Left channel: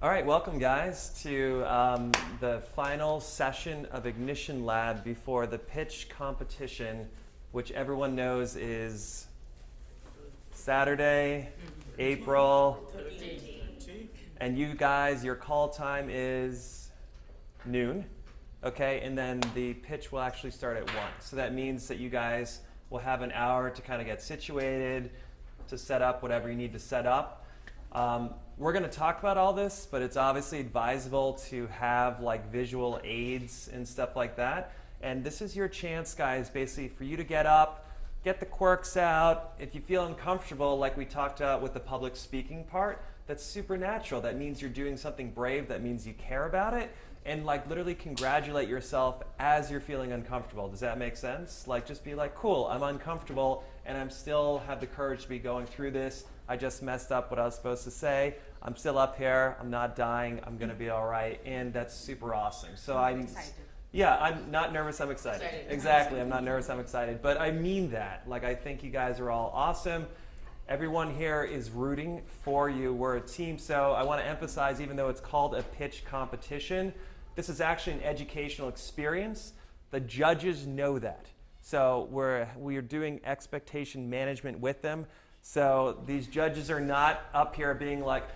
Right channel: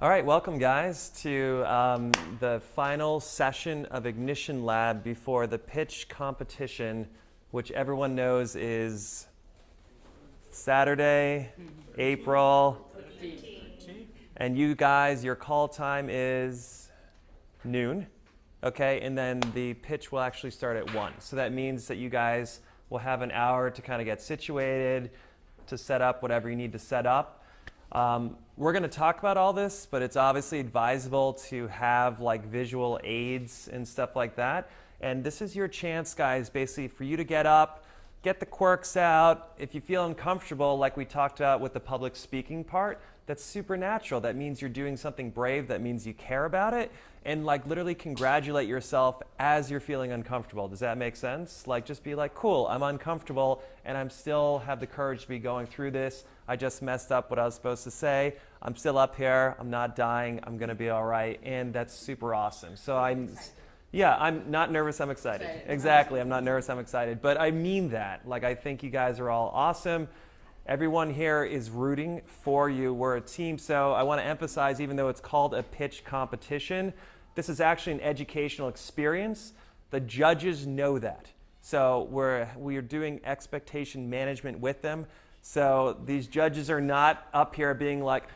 All right, welcome guys to the final session of Ignition Lab before the pitch competition, which everyone knows is Saturday, April, and you guys, your call time is noon, okay? And then the pitch will actually start at 1. So that means that you guys will have an hour to kind of get situated, to set up whatever you need to set up. We're going to talk about all this, but it's obviously advisable to have like visual aids and stuff like that. And this is your chance, guys, basically for you to get up, get the quirks out. If you feel uncomfortable, like we talked about with the public speaking part, that's super natural. That means you're doing something brave. That means you care about it. And like literally congratulate yourself as you're feeling uncomfortable. Does that make sense? Like just be like, cool, I'm uncomfortable and I'm still have the courage to be going through this. I just messed up what I was supposed to say. I'm still up here. I'm not dying. I'm going to be all right. And that's super awesome. So I'm not nervous. I'm excited. Exactly. I'm not nervous. I'm excited. But I mean that. Like, I think you guys are all awesome. Everyone here is rooting for you. We're a team. So I want to emphasize, even though it's called a pitch competition, this is actually an educational experience. The judges know that. So we are doing expectation management with them. So these judges are not up here being like,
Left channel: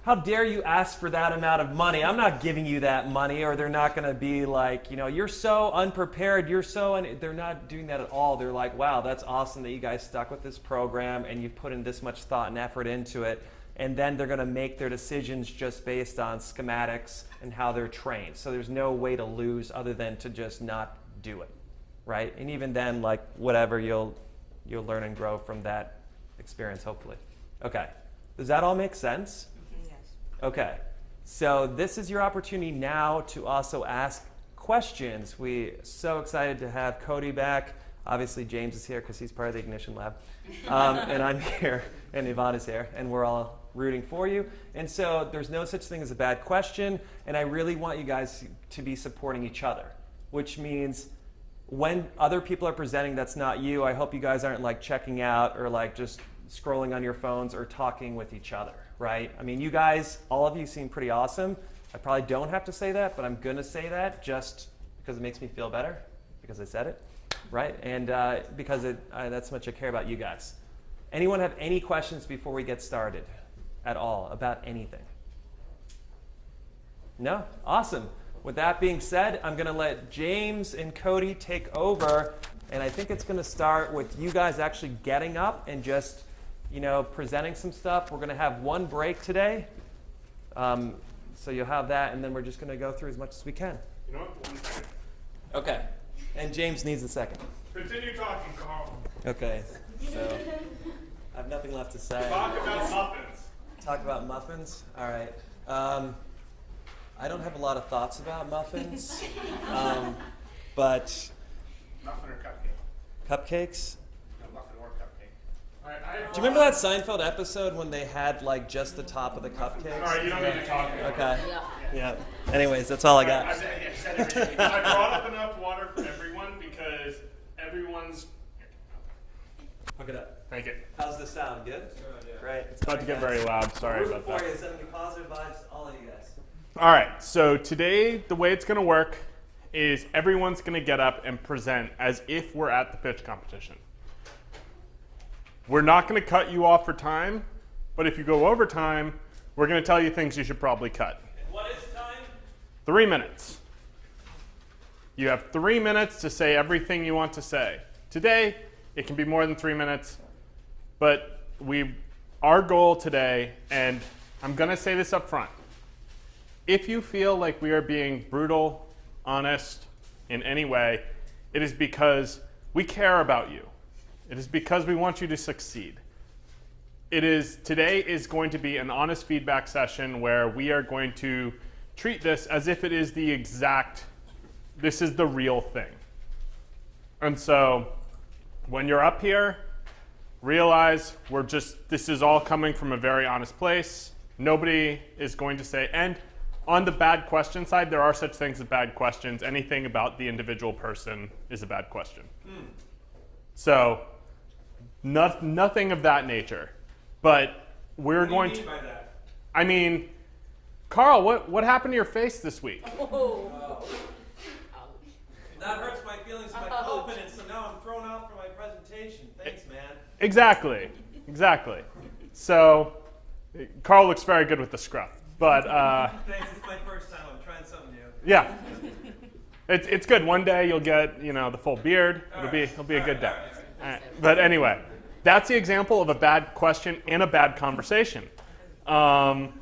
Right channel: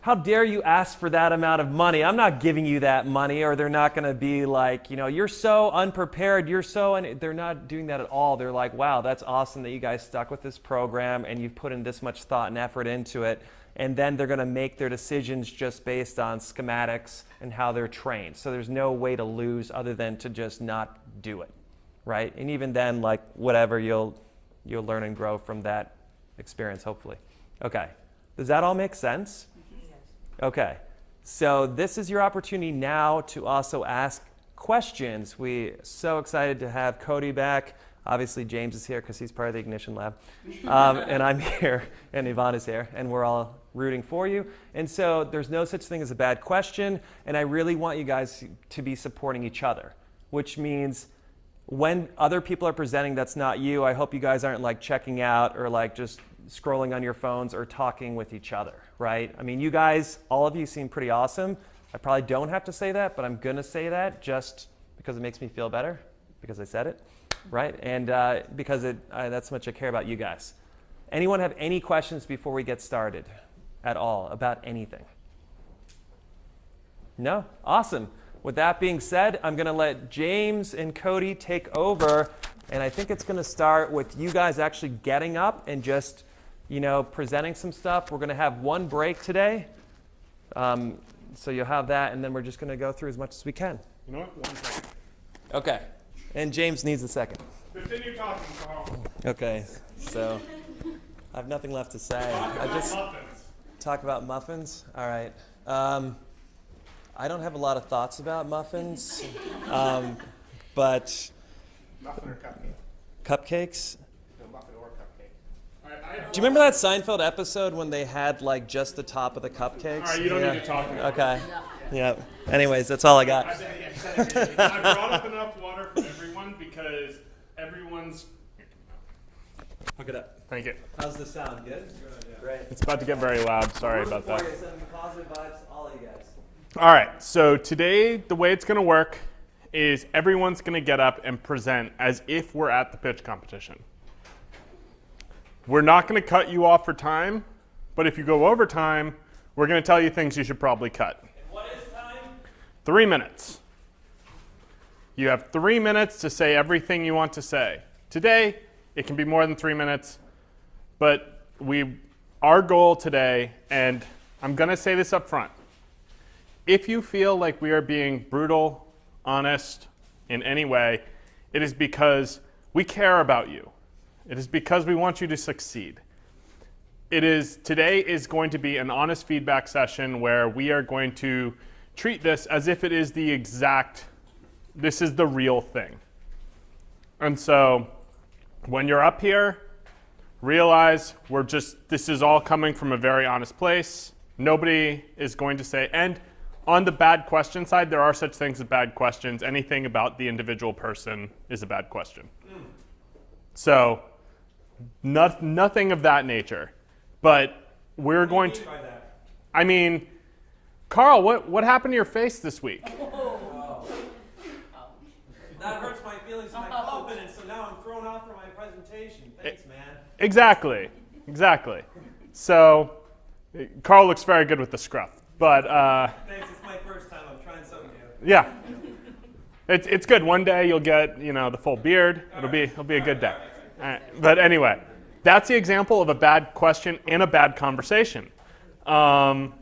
how dare you ask for that amount of money? I'm not giving you that money. Or they're not going to be like, you're so unprepared. They're not doing that at all. They're like, wow, that's awesome that you guys stuck with this program and you've put in this much thought and effort into it. And then they're going to make their decisions just based on schematics and how they're trained. So there's no way to lose other than to just not do it, right? And even then, like whatever, you'll learn and grow from that experience, hopefully. Okay, does that all make sense? Yes. Okay, so this is your opportunity now to also ask questions. We're so excited to have Cody back. Obviously, James is here because he's part of the Ignition Lab. And I'm here, and Yvonne is here, and we're all rooting for you. And so there's no such thing as a bad question, and I really want you guys to be supporting each other, which means when other people are presenting that's not you, I hope you guys aren't like checking out or like just scrolling on your phones or talking with each other, right? I mean, you guys, all of you seem pretty awesome. I probably don't have to say that, but I'm going to say that just because it makes me feel better, because I said it, right? And because that's how much I care about you guys. Anyone have any questions before we get started at all about anything? No? Awesome. With that being said, I'm going to let James and Cody take over, and I think it's going to start with you guys actually getting up and just presenting some stuff. We're going to have one break today. So you'll have that, and then we're just going to go through as much as we can. You know what? 1 second. Okay. And James needs a second. Continue talking, Carl. Okay. So I have nothing left to say. Talk about muffins? All right. I don't have a lot of thoughts about muffins, but Muffin or cupcake? Cupcakes? No, muffin or cupcake. Do you remember that Seinfeld episode when they had like just the top of the cupcakes? All right, you don't need to talk about it. Okay. Yeah. Anyways, that's all I got. I brought up enough water for everyone because everyone's... Hook it up. Thank you. How's the sound? Good? Right. It's about to get very loud. Sorry about that. Sending positive vibes to all of you guys. All right, so today the way it's going to work is everyone's going to get up and present as if we're at the pitch competition. We're not going to cut you off for time, but if you go over time, we're going to tell you things you should probably cut. And what is time? 3 minutes. You have 3 minutes to say everything you want to say. Today, it can be more than 3 minutes, but our goal today, and I'm going to say this up front, if you feel like we are being brutal, honest in any way, it is because we care about you. It is because we want you to succeed. Today is going to be an honest feedback session where we are going to treat this as if it is this is the real thing. And so when you're up here, realize this is all coming from a very honest place. Nobody is going to say, and on the bad question side, there are such things as bad questions. Anything about the individual person is a bad question. So nothing of that nature. But we're going to... By that? I mean, Carl, what happened to your face this week? That hurts my feelings, my confidence, so now I'm thrown off for my presentation. Thanks, man. Exactly. So, Carl looks very good with the scruff, but Thanks, it's my first time. I'm trying something new. yeah, it's good. One day you'll get the full beard. It'll be a good day. All right. But anyway, that's the example of a bad question and a bad conversation. So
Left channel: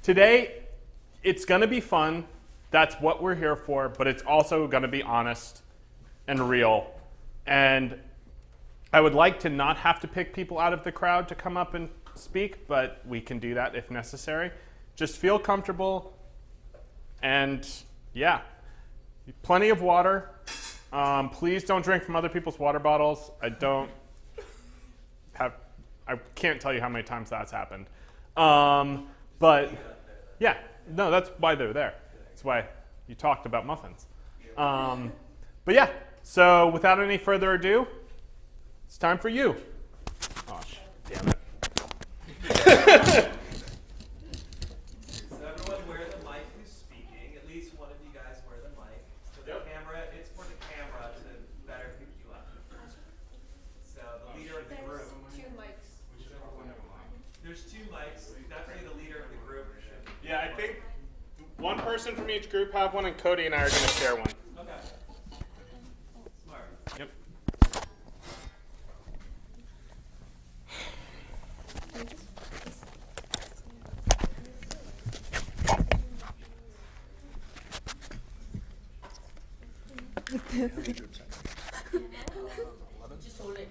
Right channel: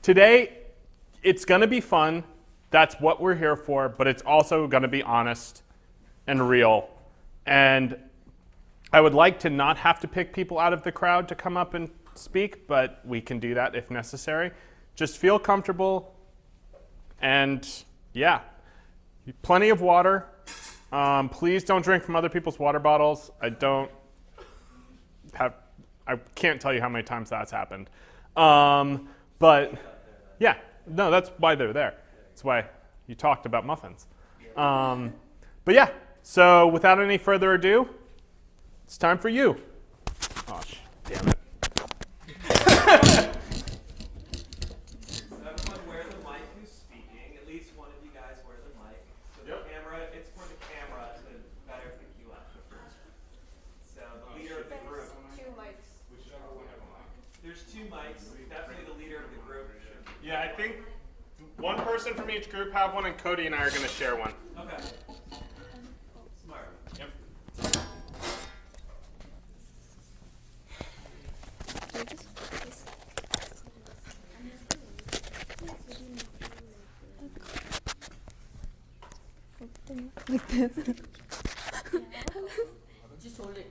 today it's going to be fun. That's what we're here for, but it's also going to be honest and real. And I would like to not have to pick people out of the crowd to come up and speak, but we can do that if necessary. Just feel comfortable, and yeah, plenty of water. Please don't drink from other people's water bottles. I can't tell you how many times that's happened. But yeah, no, that's why they're there. That's why you talked about muffins. But yeah, so without any further ado, it's time for you. Oh, damn it. Everyone wear the mic who's speaking. At least one of you guys wear the mic. So the camera, it's for the camera to better pick you up. So the leader of the group. There's two mics. Definitely the leader of the group. Yeah, I think one person from each group have one, and Cody and I are going to share one. Okay. Smart. Yep. Like this. Just hold it.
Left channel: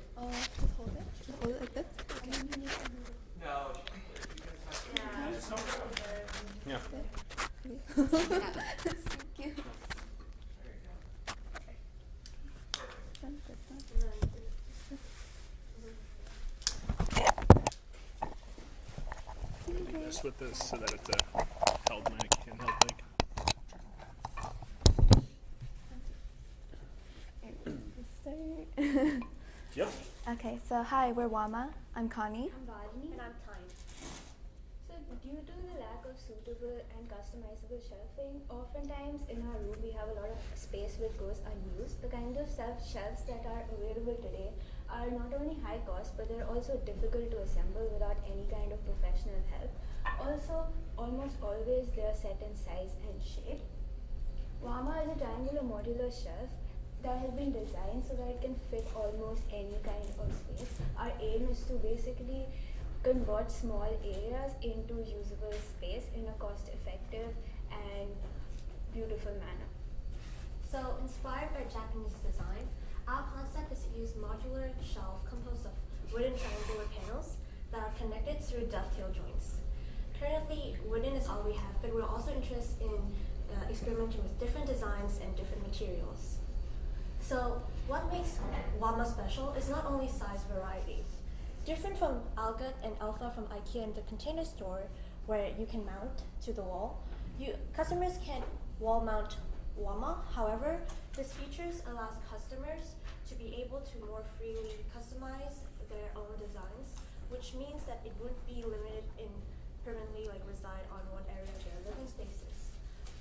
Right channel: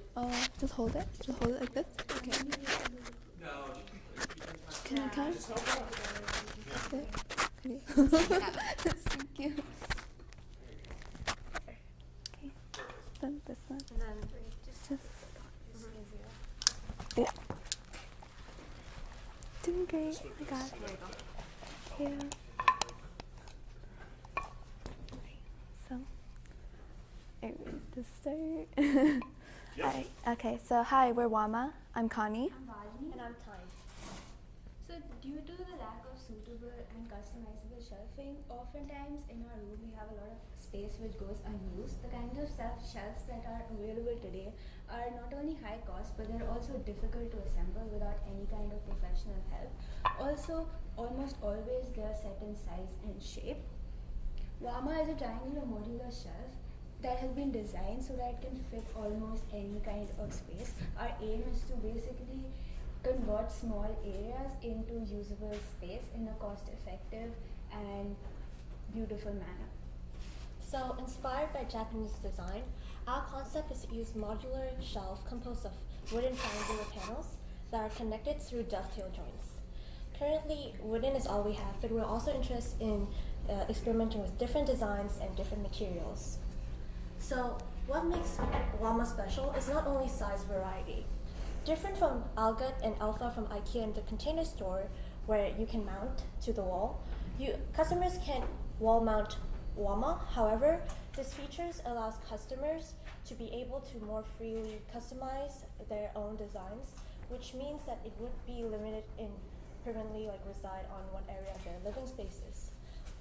Just hold it? Just hold it like this? Okay. No. Can I count? Okay. Thank you. Okay. Then this one. Just. Yeah. Doing great. I got it. So, to start. Hi. Okay, so hi, we're Wama. I'm Connie. I'm Valini. And I'm Time. So due to the lack of suitable and customizable shelving, oftentimes in our room we have a lot of space which goes unused. The kind of shelves that are available today are not only high cost, but they're also difficult to assemble without any kind of professional help. Also, almost always they are set in size and shape. Wama is a triangular modular shelf that has been designed so that it can fit almost any kind of space. Our aim is to basically convert small areas into usable space in a cost-effective and beautiful manner. So, inspired by Japanese design, our concept is to use modular shelf composed of wooden triangular panels that are connected through dovetail joints. Currently, wooden is all we have, but we're also interested in experimenting with different designs and different materials. So, what makes Wama special is not only size variety. Different from Algot and Alpha from IKEA in the Container Store, where you can mount to the wall, customers can wall mount Wama. However, this features allows customers to be able to more freely customize their own designs, which means that it wouldn't be limited in permanently reside on one area of their living spaces.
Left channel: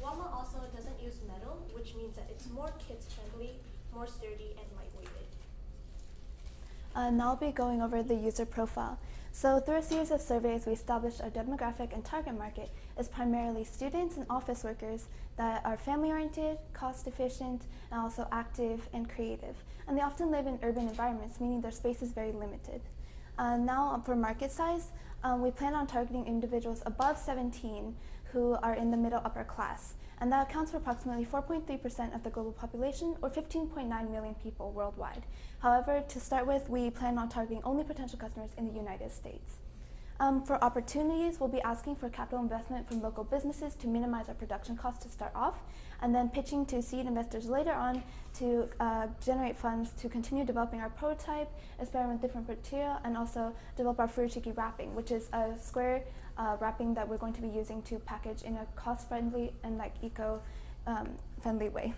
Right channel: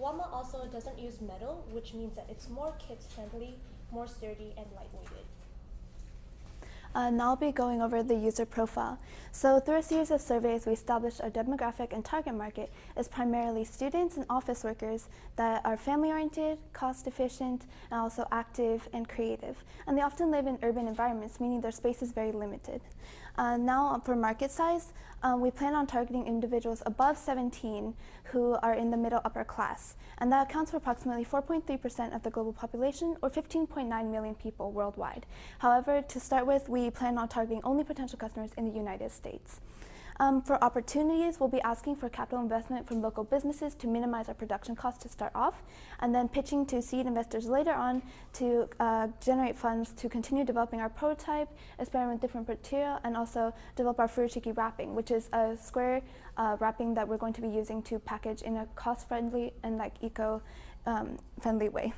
Wama also doesn't use metal, which means that it's more kids friendly, more sturdy, and lightweighted. Now I'll be going over the user profile. So through a series of surveys, we established our demographic and target market is primarily students and office workers that are family-oriented, cost-efficient, and also active and creative. And they often live in urban environments, meaning their space is very limited. Now for market size, we plan on targeting individuals above 17 who are in the middle upper class. And that accounts for approximately 4.3% of the global population, or 15.9 million people worldwide. However, to start with, we plan on targeting only potential customers in the United States. For opportunities, we'll be asking for capital investment from local businesses to minimize our production costs to start off, and then pitching to seed investors later on to generate funds to continue developing our prototype, experiment with different material, and also develop our furoshiki wrapping, which is a square wrapping that we're going to be using to package in a cost-friendly and eco-friendly way.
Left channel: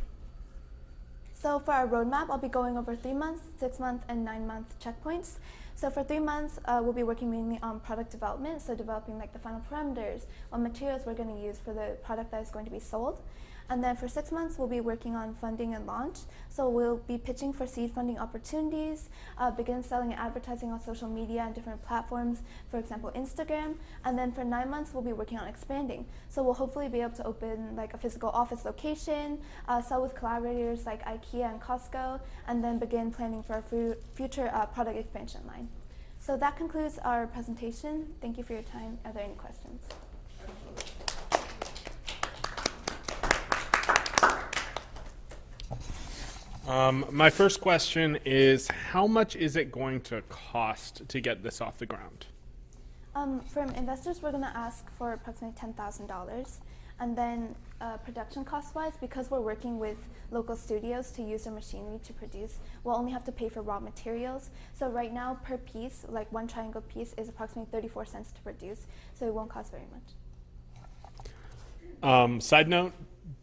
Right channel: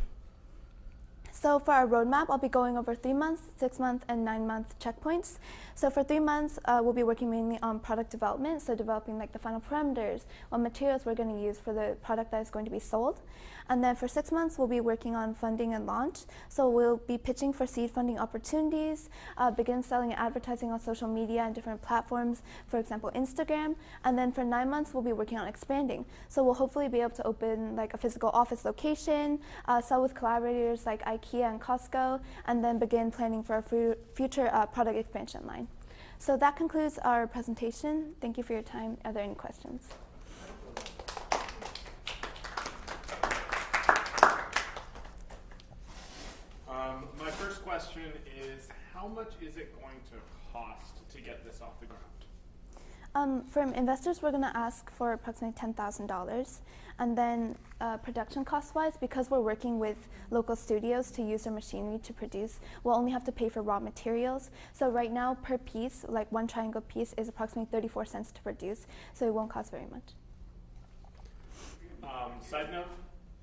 So for our roadmap, I'll be going over 3 months, 6 month, and 9 month checkpoints. So for 3 months, we'll be working mainly on product development, so developing like the final parameters, what materials we're going to use for the product that is going to be sold. And then for 6 months, we'll be working on funding and launch. So we'll be pitching for seed funding opportunities, begin selling and advertising on social media and different platforms, for example, Instagram. And then for 9 months, we'll be working on expanding. So we'll hopefully be able to open like a physical office location, sell with collaborators like IKEA and Costco, and then begin planning for our future product expansion line. So that concludes our presentation. Thank you for your time. Are there any questions? My first question is, how much is it going to cost to get this off the ground? From investors, we're going to ask for approximately $10,000. And then production cost-wise, because we're working with local studios to use their machinery to produce, we'll only have to pay for raw materials. So right now, per piece, like one triangle piece, is approximately 34 cents to produce. So it won't cost very much. Side note,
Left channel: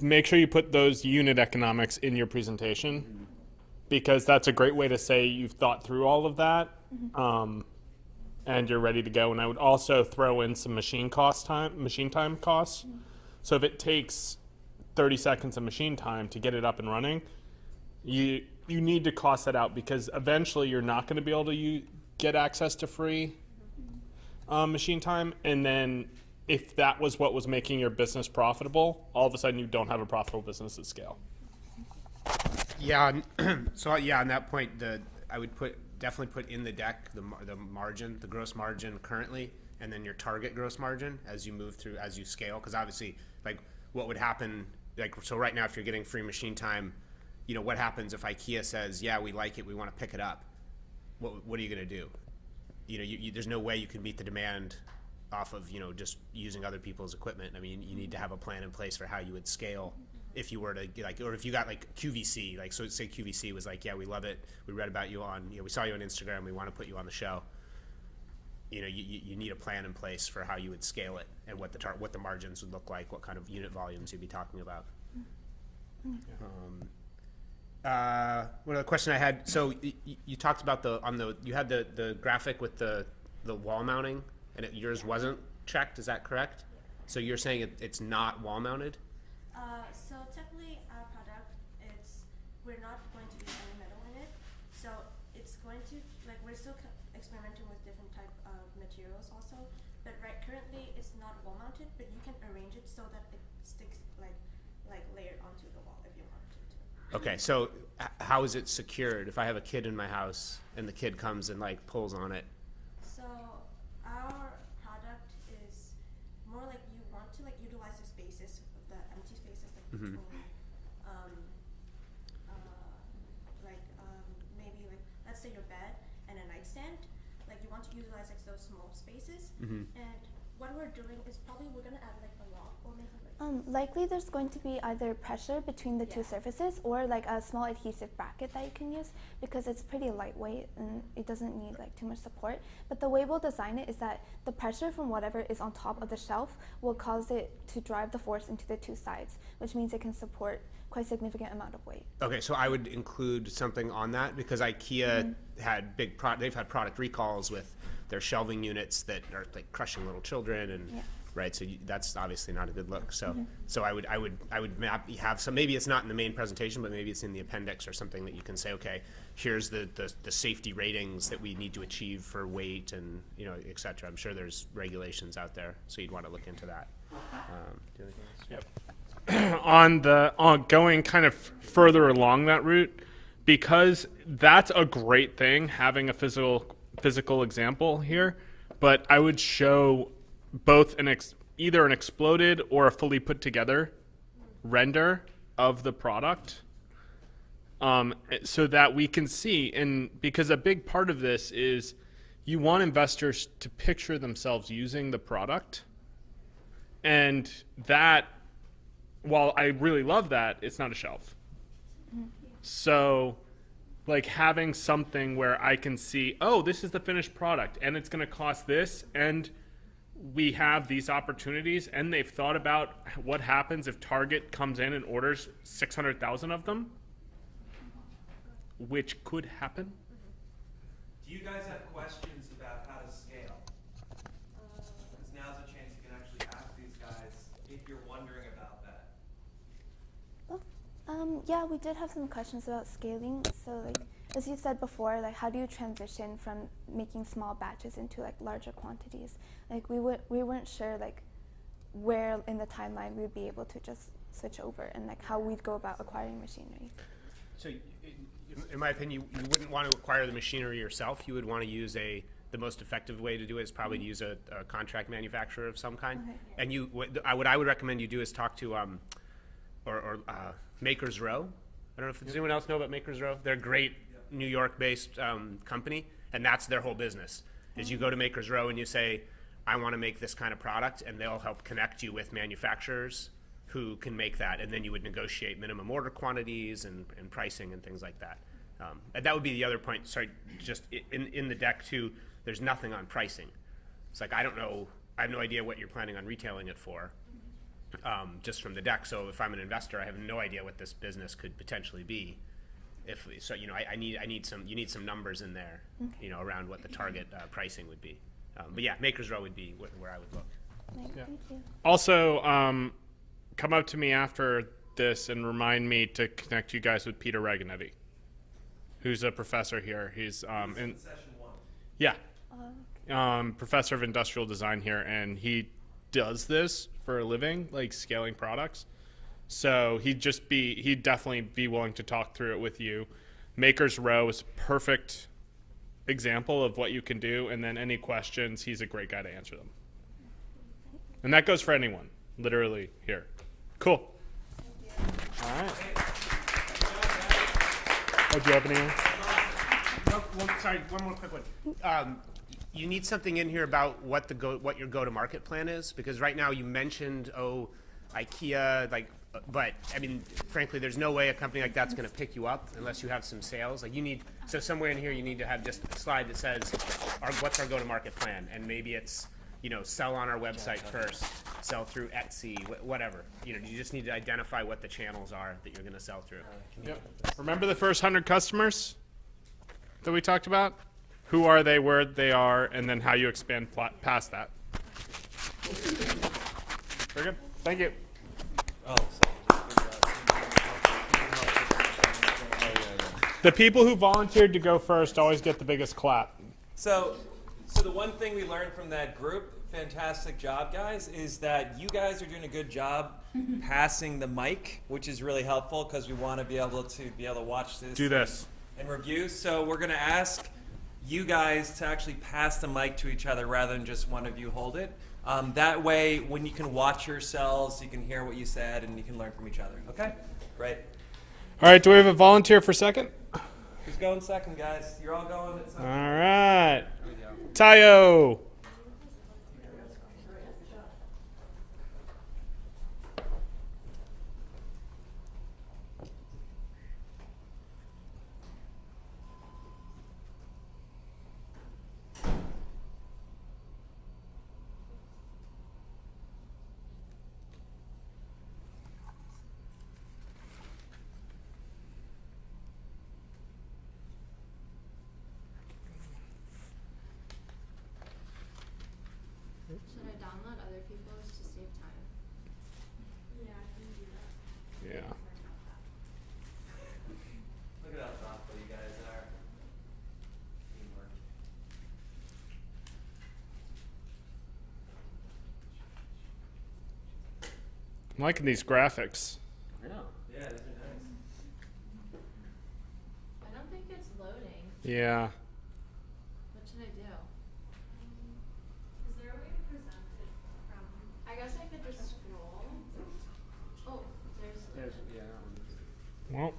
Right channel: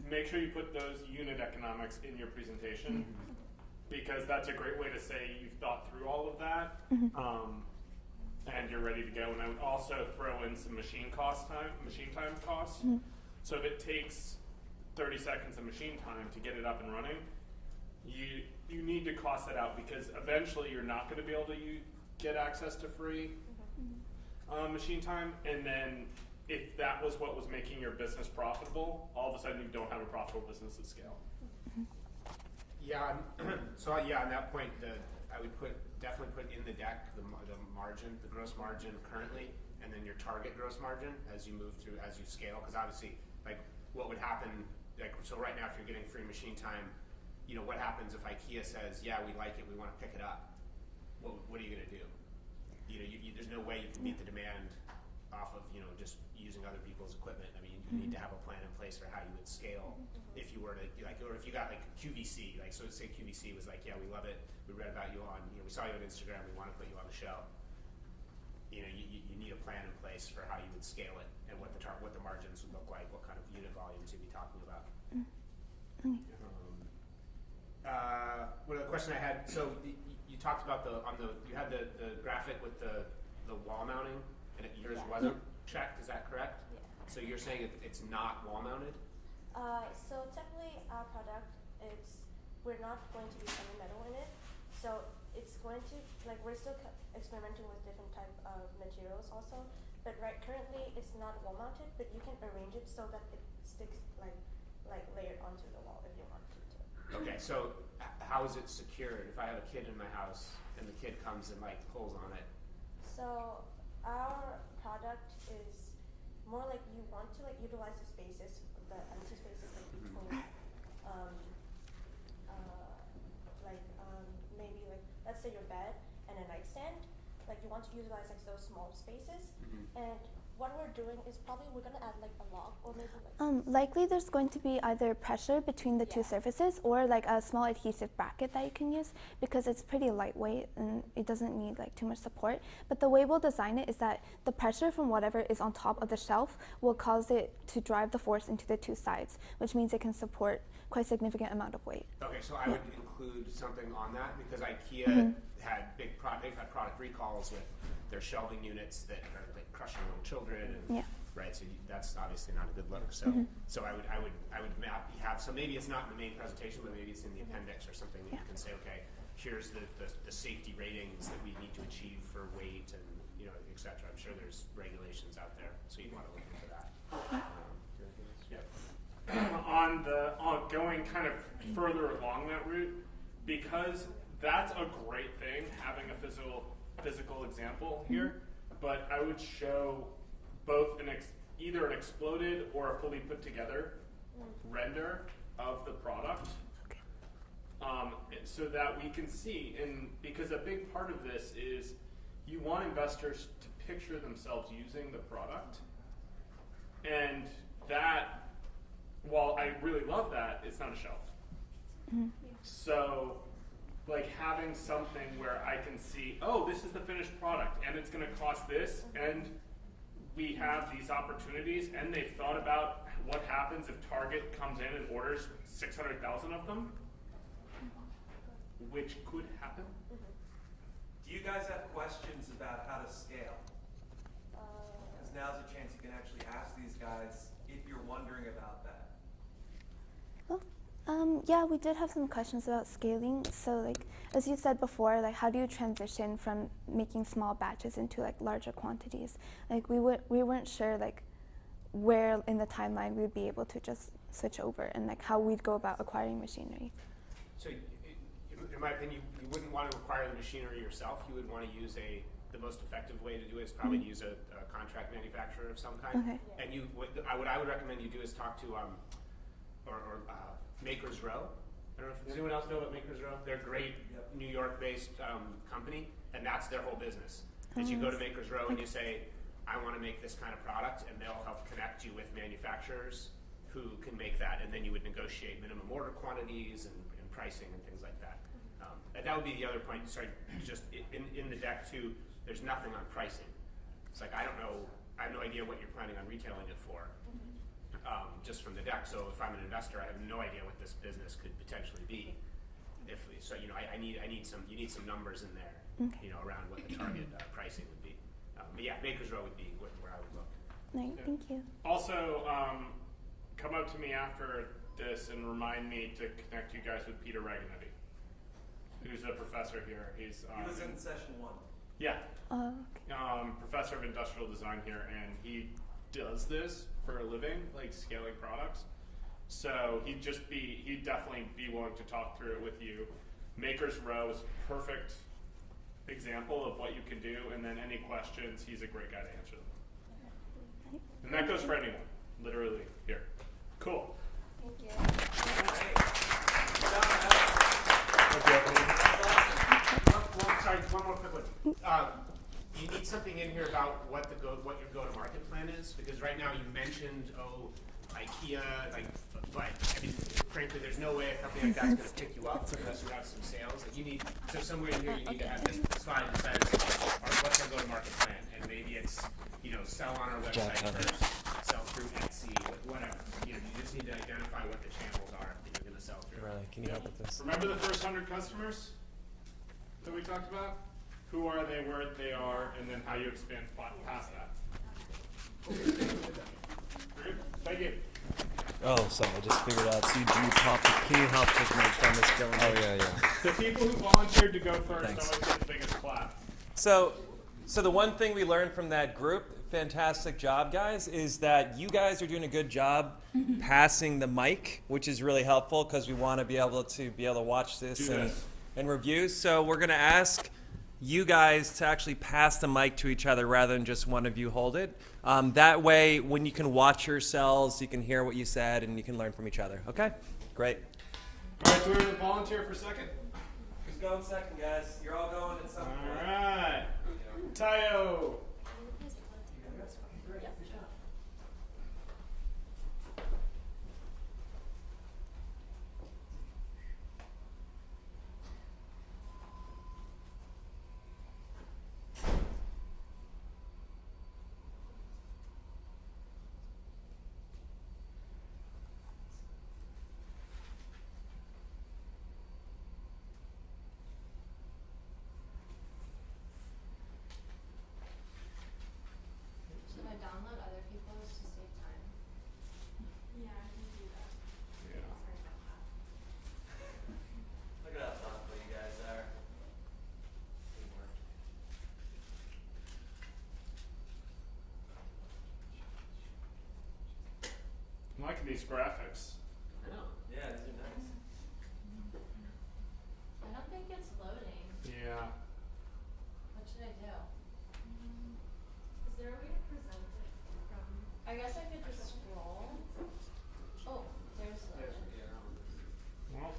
make sure you put those unit economics in your presentation, because that's a great way to say you've thought through all of that, and you're ready to go. And I would also throw in some machine time costs. So if it takes 30 seconds of machine time to get it up and running, you need to cost that out, because eventually you're not going to be able to get access to free machine time. And then if that was what was making your business profitable, all of a sudden you don't have a profitable business at scale. Yeah. So yeah, on that point, I would definitely put in the deck the margin, the gross margin currently, and then your target gross margin as you move through, as you scale. Because obviously, like, what would happen, like, so right now if you're getting free machine time, you know, what happens if IKEA says, yeah, we like it, we want to pick it up? What are you going to do? You know, there's no way you can meet the demand off of, you know, just using other people's equipment. I mean, you need to have a plan in place for how you would scale if you were to, like, or if you got like QVC, like, so say QVC was like, yeah, we love it, we read about you on, you know, we saw you on Instagram, we want to put you on the show. You know, you need a plan in place for how you would scale it, and what the margins would look like, what kind of unit volumes you'd be talking about. One other question I had, so you talked about you had the graphic with the wall mounting, and yours wasn't checked, is that correct? Yeah. So you're saying it's not wall mounted? So technically our product, we're not going to be any metal in it. So it's going to, like, we're still experimenting with different type of materials also. But currently it's not wall mounted, but you can arrange it so that it sticks like layered onto the wall if you want it to. Okay, so how is it secured? If I have a kid in my house and the kid comes and like pulls on it? So our product is more like you want to like utilize the spaces, the empty spaces like between, maybe like, let's say your bed and a nightstand. Like you want to utilize like those small spaces, and what we're doing is probably we're gonna add like a lock or maybe like. Likely there's going to be either pressure between the two surfaces, or like a small adhesive bracket that you can use, because it's pretty lightweight and it doesn't need like too much support. But the way we'll design it is that the pressure from whatever is on top of the shelf will cause it to drive the force into the two sides, which means it can support quite a significant amount of weight. Okay, so I would include something on that, because IKEA had they've had product recalls with their shelving units that are like crushing little children, and right. So that's obviously not a good look. So so I would have some. Maybe it's not in the main presentation, but maybe it's in the appendix or something that you can say, okay, here's the safety ratings that we need to achieve for weight and, you know, et cetera. I'm sure there's regulations out there, so you'd want to look into that. On going kind of further along that route, because that's a great thing, having a physical example here, but I would show both either an exploded or a fully put together render of the product, so that we can see. And because a big part of this is you want investors to picture themselves using the product, and that, while I really love that, it's not a shelf. So like having something where I can see, oh, this is the finished product and it's going to cost this, and we have these opportunities, and they've thought about what happens if Target comes in and orders 600,000 of them. which could happen. Do you guys have questions about how to scale? Because now's a chance you can actually ask these guys if you're wondering about that. Yeah, we did have some questions about scaling. So, like, as you said before, like, how do you transition from making small batches into like larger quantities? Like, we weren't sure like where in the timeline we would be able to just switch over, and like how we'd go about acquiring machinery. So, in my opinion, you wouldn't want to acquire the machinery yourself. You would want to use the most effective way to do it is probably to use a contract manufacturer of some kind. Okay. And what I would recommend you do is talk to Makers Row. I don't know if does anyone else know about Makers Row? They're a great New York-based company, and that's their whole business. Is you go to Makers Row and you say, I want to make this kind of product, and they'll help connect you with manufacturers who can make that, and then you would negotiate minimum order quantities and pricing and things like that. And that would be the other point. Sorry, just in the deck too. There's nothing on pricing. It's like I don't know. I have no idea what you're planning on retailing it for. Just from the deck. So if I'm an investor, I have no idea what this business could potentially be. I need some numbers in there. Okay. Around what the target pricing would be. But yeah, Makers Row would be where I would look. Right. Yeah. Thank you. Also, come up to me after this and remind me to connect you guys with Peter Reganetti, who's a professor here. He's in session 1. yeah, Okay. professor of industrial design here, and he does this for a living, like scaling products. So he'd definitely be willing to talk through it with you. Makers Row is a perfect example of what you can do, and then any questions, he's a great guy to answer them. And that goes for anyone, literally here. Cool. Sorry, one more quick one. You need something in here about what your go-to-market plan is, because right now you mentioned IKEA, but I mean, frankly, there's no way a company like that's going to pick you up unless you have some sales. Somewhere in here you need to have this slide that says, what's our go-to-market plan, and maybe it's sell on our website first, sell through Etsy, whatever. You just need to identify what the channels are that you're going to sell through. Riley, can you help with this? Remember the first 100 customers that we talked about? Who are they, where they are, and then how you expand past that. Very good. Thank you. Oh, sorry, I just figured out. So you can you help with my premise going? Oh, yeah. The people who volunteered to go first always get the biggest clap. So the one thing we learned from that group, fantastic job, guys, is that you guys are doing a good job passing the mic, which is really helpful because we want to be able to watch this and review. So we're going to ask you guys to actually pass the mic to each other rather than just one of you hold it. That way, when you can watch yourselves, you can hear what you said and you can learn from each other. Okay? Great. All right, do we have a volunteer for second? Who's going second, guys? You're all going at second. All right. Tayo. Should I download other people's to save time? Yeah. Look at how thoughtful you guys are. I'm liking these graphics. Yeah, these are nice. I don't think it's loading. Yeah. What should I do? Is there a way to present it from? I guess I could just scroll. Oh, there's Well.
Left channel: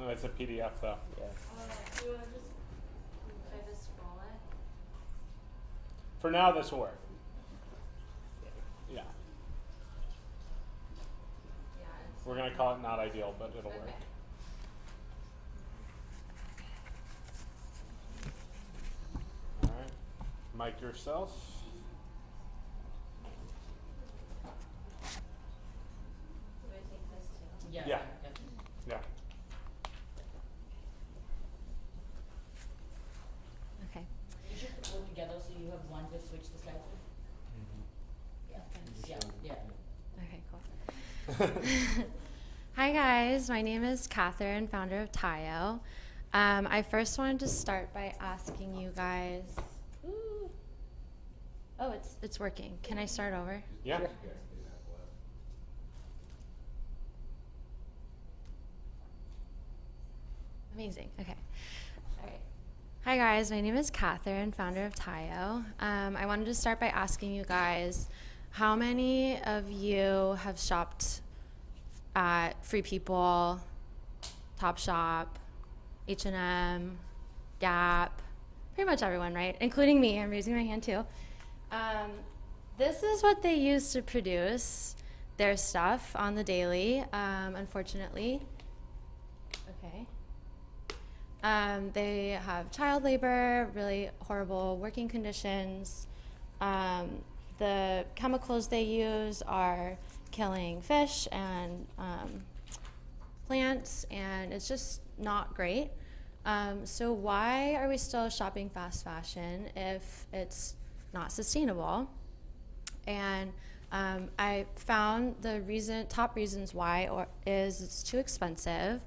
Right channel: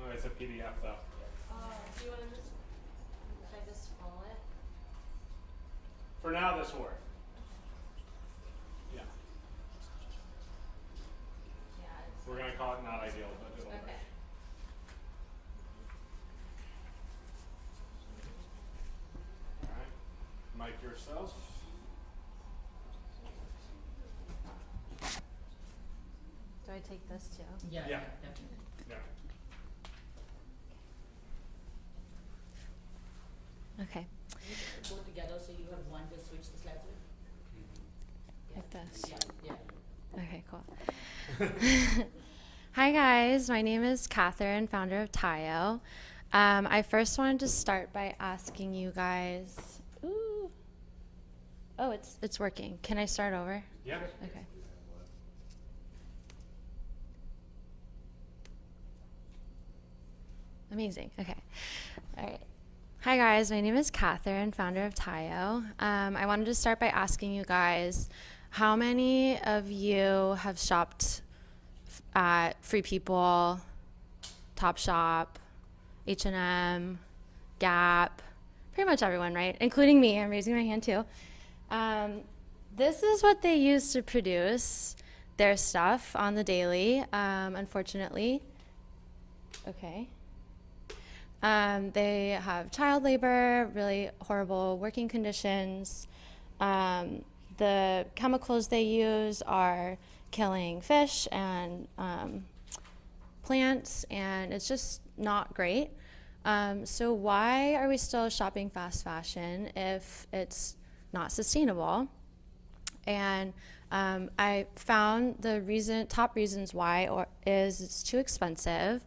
No, it's a PDF though. Do you want to just, should I just scroll it? For now, this will work. Yeah. Yeah, it's, We're going to call it not ideal, but it'll work. okay. All right. Mic yourself. Do I take this too? Yeah. Definitely. Yeah. Okay. You just go together so you have one to switch the slides with. Like this. Yeah. Okay, cool. Hi guys, my name is Catherine, founder of Tayo. I first wanted to start by asking you guys. Ooh. Oh, it's working. Can I start over? Yeah. Okay. Amazing. Okay. All right. Hi guys, my name is Catherine, founder of Tayo. I wanted to start by asking you guys, how many of you have shopped at Free People, Topshop, H&M, Gap, pretty much everyone, right? Including me. I'm raising my hand too. This is what they use to produce their stuff on the daily, unfortunately. Okay. They have child labor, really horrible working conditions. The chemicals they use are killing fish and plants, and it's just not great. So why are we still shopping fast fashion if it's not sustainable? And I found the top reasons why is it's too expensive.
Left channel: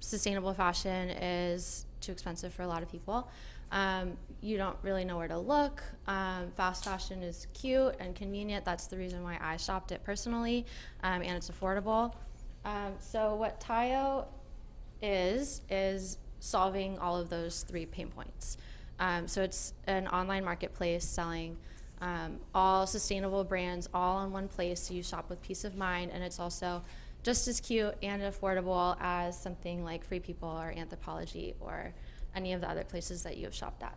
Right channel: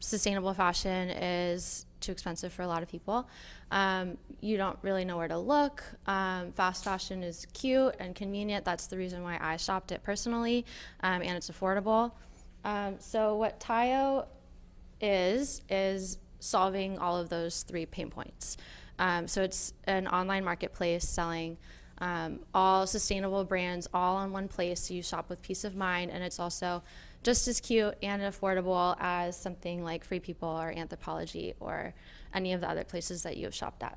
Sustainable fashion is too expensive for a lot of people. You don't really know where to look. Fast fashion is cute and convenient. That's the reason why I shopped it personally, and it's affordable. So what Tayo is solving all of those 3 pain points. So it's an online marketplace selling all sustainable brands all in one place, so you shop with peace of mind, and it's also just as cute and affordable as something like Free People or Anthropologie or any of the other places that you have shopped at.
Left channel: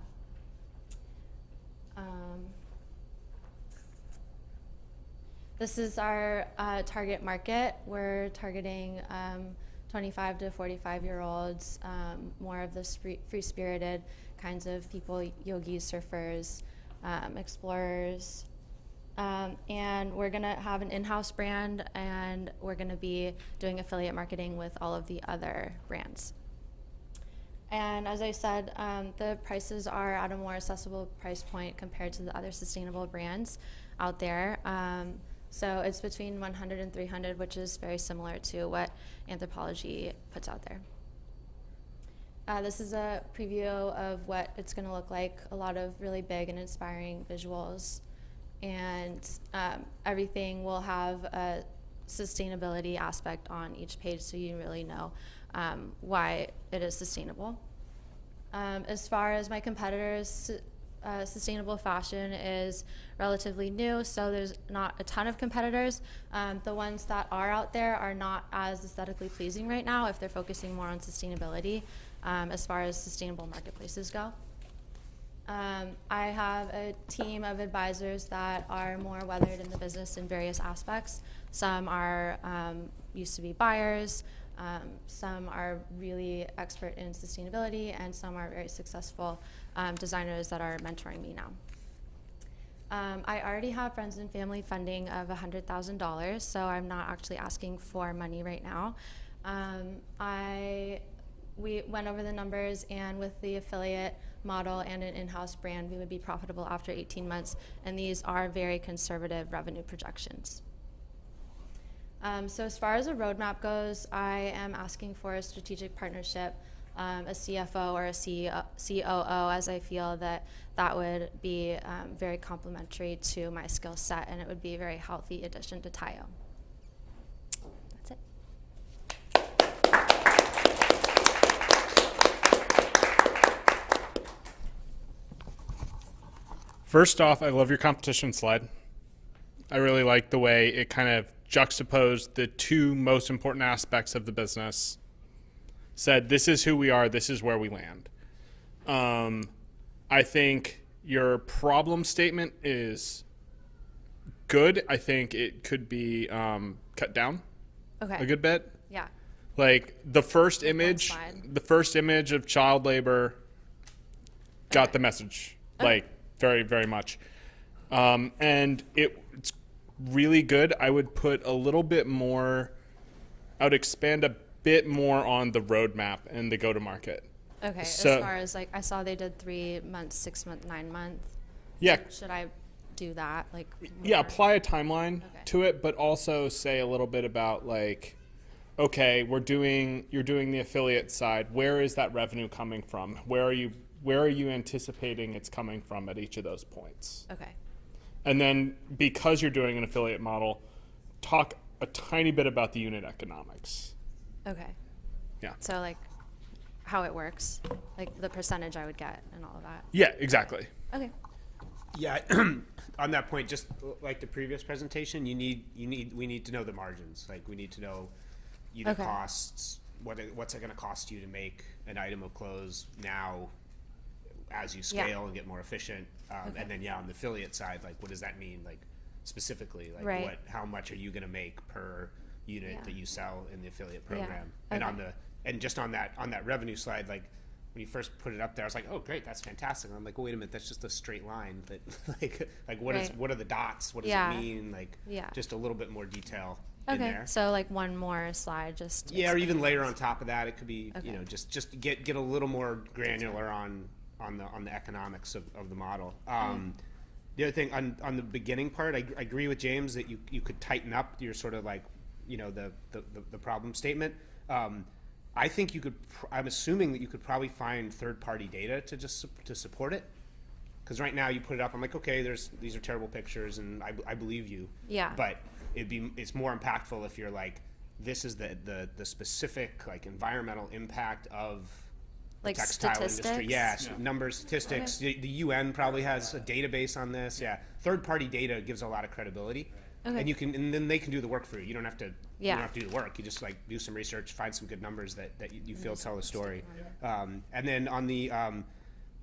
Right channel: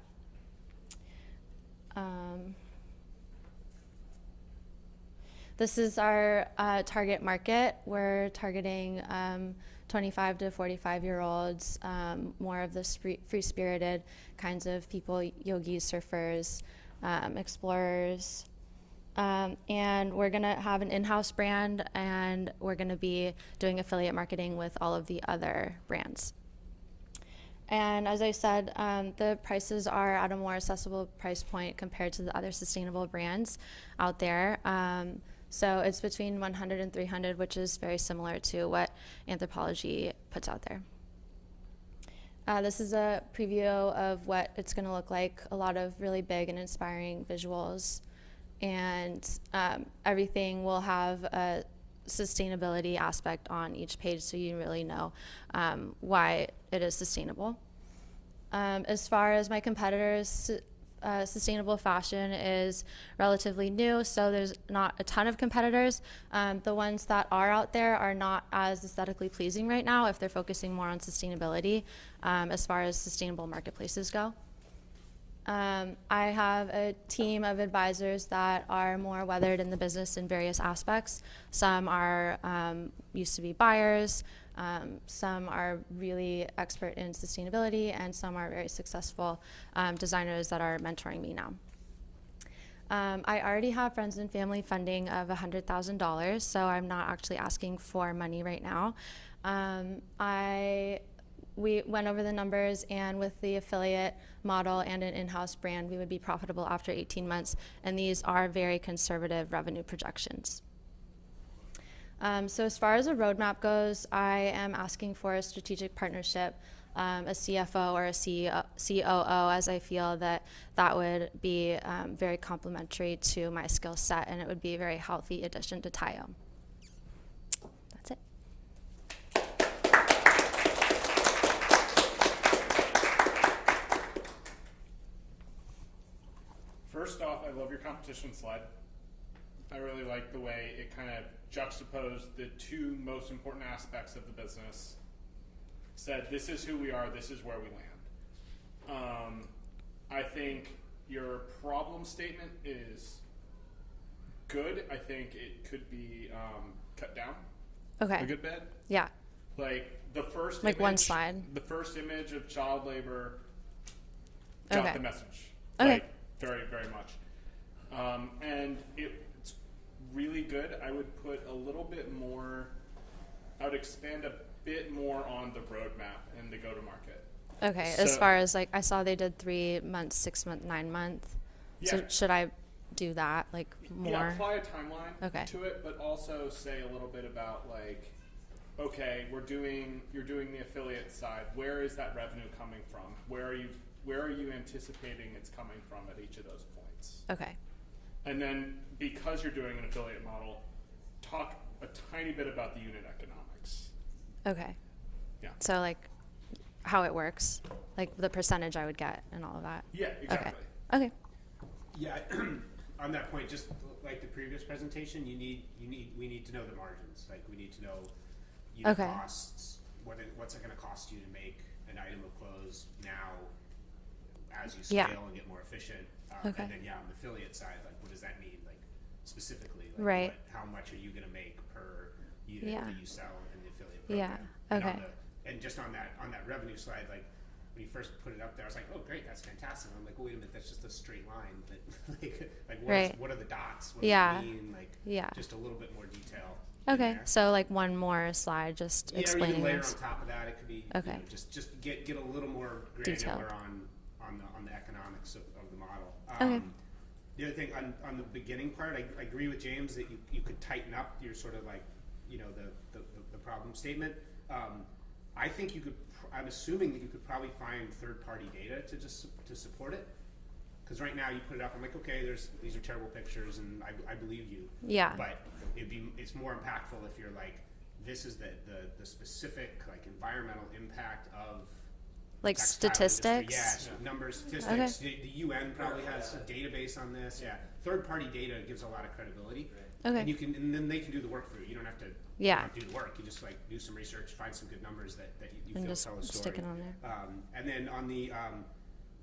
This is our target market. We're targeting 25 to 45-year-olds, more of the free-spirited kinds of people, yogis, surfers, explorers. And we're going to have an in-house brand, and we're going to be doing affiliate marketing with all of the other brands. And as I said, the prices are at a more accessible price point compared to the other sustainable brands out there. So it's between 100 and 300, which is very similar to what Anthropologie puts out there. This is a preview of what it's going to look like. A lot of really big and inspiring visuals. And everything will have a sustainability aspect on each page, so you really know why it is sustainable. As far as my competitors, sustainable fashion is relatively new, so there's not a ton of competitors. The ones that are out there are not as aesthetically pleasing right now if they're focusing more on sustainability as far as sustainable marketplaces go. I have a team of advisors that are more weathered in the business in various aspects. Some are used to be buyers, some are really expert in sustainability, and some are very successful designers that are mentoring me now. I already have friends and family funding of $100,000, so I'm not actually asking for money right now. We went over the numbers, and with the affiliate model and an in-house brand, we would be profitable after 18 months, and these are very conservative revenue projections. So as far as a roadmap goes, I am asking for a strategic partnership, a CFO or a COO, as I feel that would be very complementary to my skill set, and it would be a very healthy addition to Tayo. That's it. First off, I love your competition slide. I really like the way it kind of juxtaposed the 2 most important aspects of the business. said, this is who we are, this is where we land. I think your problem statement is good. I think it could be cut down Okay. a good bit. Yeah. Like the first Like one image, slide. the first image of child labor got Okay. the message, Okay. like very, very much. And it's really good. I would put a little bit more, I would expand a bit more on the roadmap and the go-to-market. Okay. As So- far as like, I saw they did 3 months, 6 month, 9 month. Yeah. So should I do that like more? Yeah, apply a timeline Okay. to it, but also say a little bit about like, okay, you're doing the affiliate side. Where is that revenue coming from? Where are you anticipating it's coming from at each of those points? Okay. And then because you're doing an affiliate model, talk a tiny bit about the unit economics. Okay. Yeah. So like how it works, like the percentage I would get and all of that. Yeah, exactly. Okay. Yeah, on that point, just like the previous presentation, we need to know the margins. Like we need to know unit Okay. costs. What's it going to cost you to make an item of clothes now, as you scale Yeah. and get more efficient. Okay. And then on the affiliate side, like what does that mean? Like specifically, like Right. how much are you going to make per unit Yeah. that you sell in the affiliate Yeah. program? And Okay. and just on that revenue slide, like when you first put it up there, I was like, oh great, that's fantastic. And I'm like, well, wait a minute, that's just a straight line. But like Right. what are the dots? What Yeah. does it mean? Like Yeah. just a little bit more detail. in Okay. there. So like one more slide, just Yeah, or you explaining can layer this. on top of that. It could be Okay. just get a little more granular Detailed. on the economics of the model. Okay. The other thing on the beginning part, I agree with James that you could tighten up your sort of like the problem statement. I think you could. I'm assuming that you could probably find third-party data to support it. Because right now you put it up, I'm like, okay, these are terrible pictures, and I believe you. Yeah. But it's more impactful if you're like, this is the specific like environmental impact of Like textile industry. statistics? Yeah, so numbers, statistics. The UN probably has a database on this. Yeah, third-party data gives a lot of credibility. Okay. And then they can do the work for you. You don't have to. Yeah. You don't have to do the work. You just like do some research, find some good numbers that you And feel just tell the story. stick it on there. And then on the,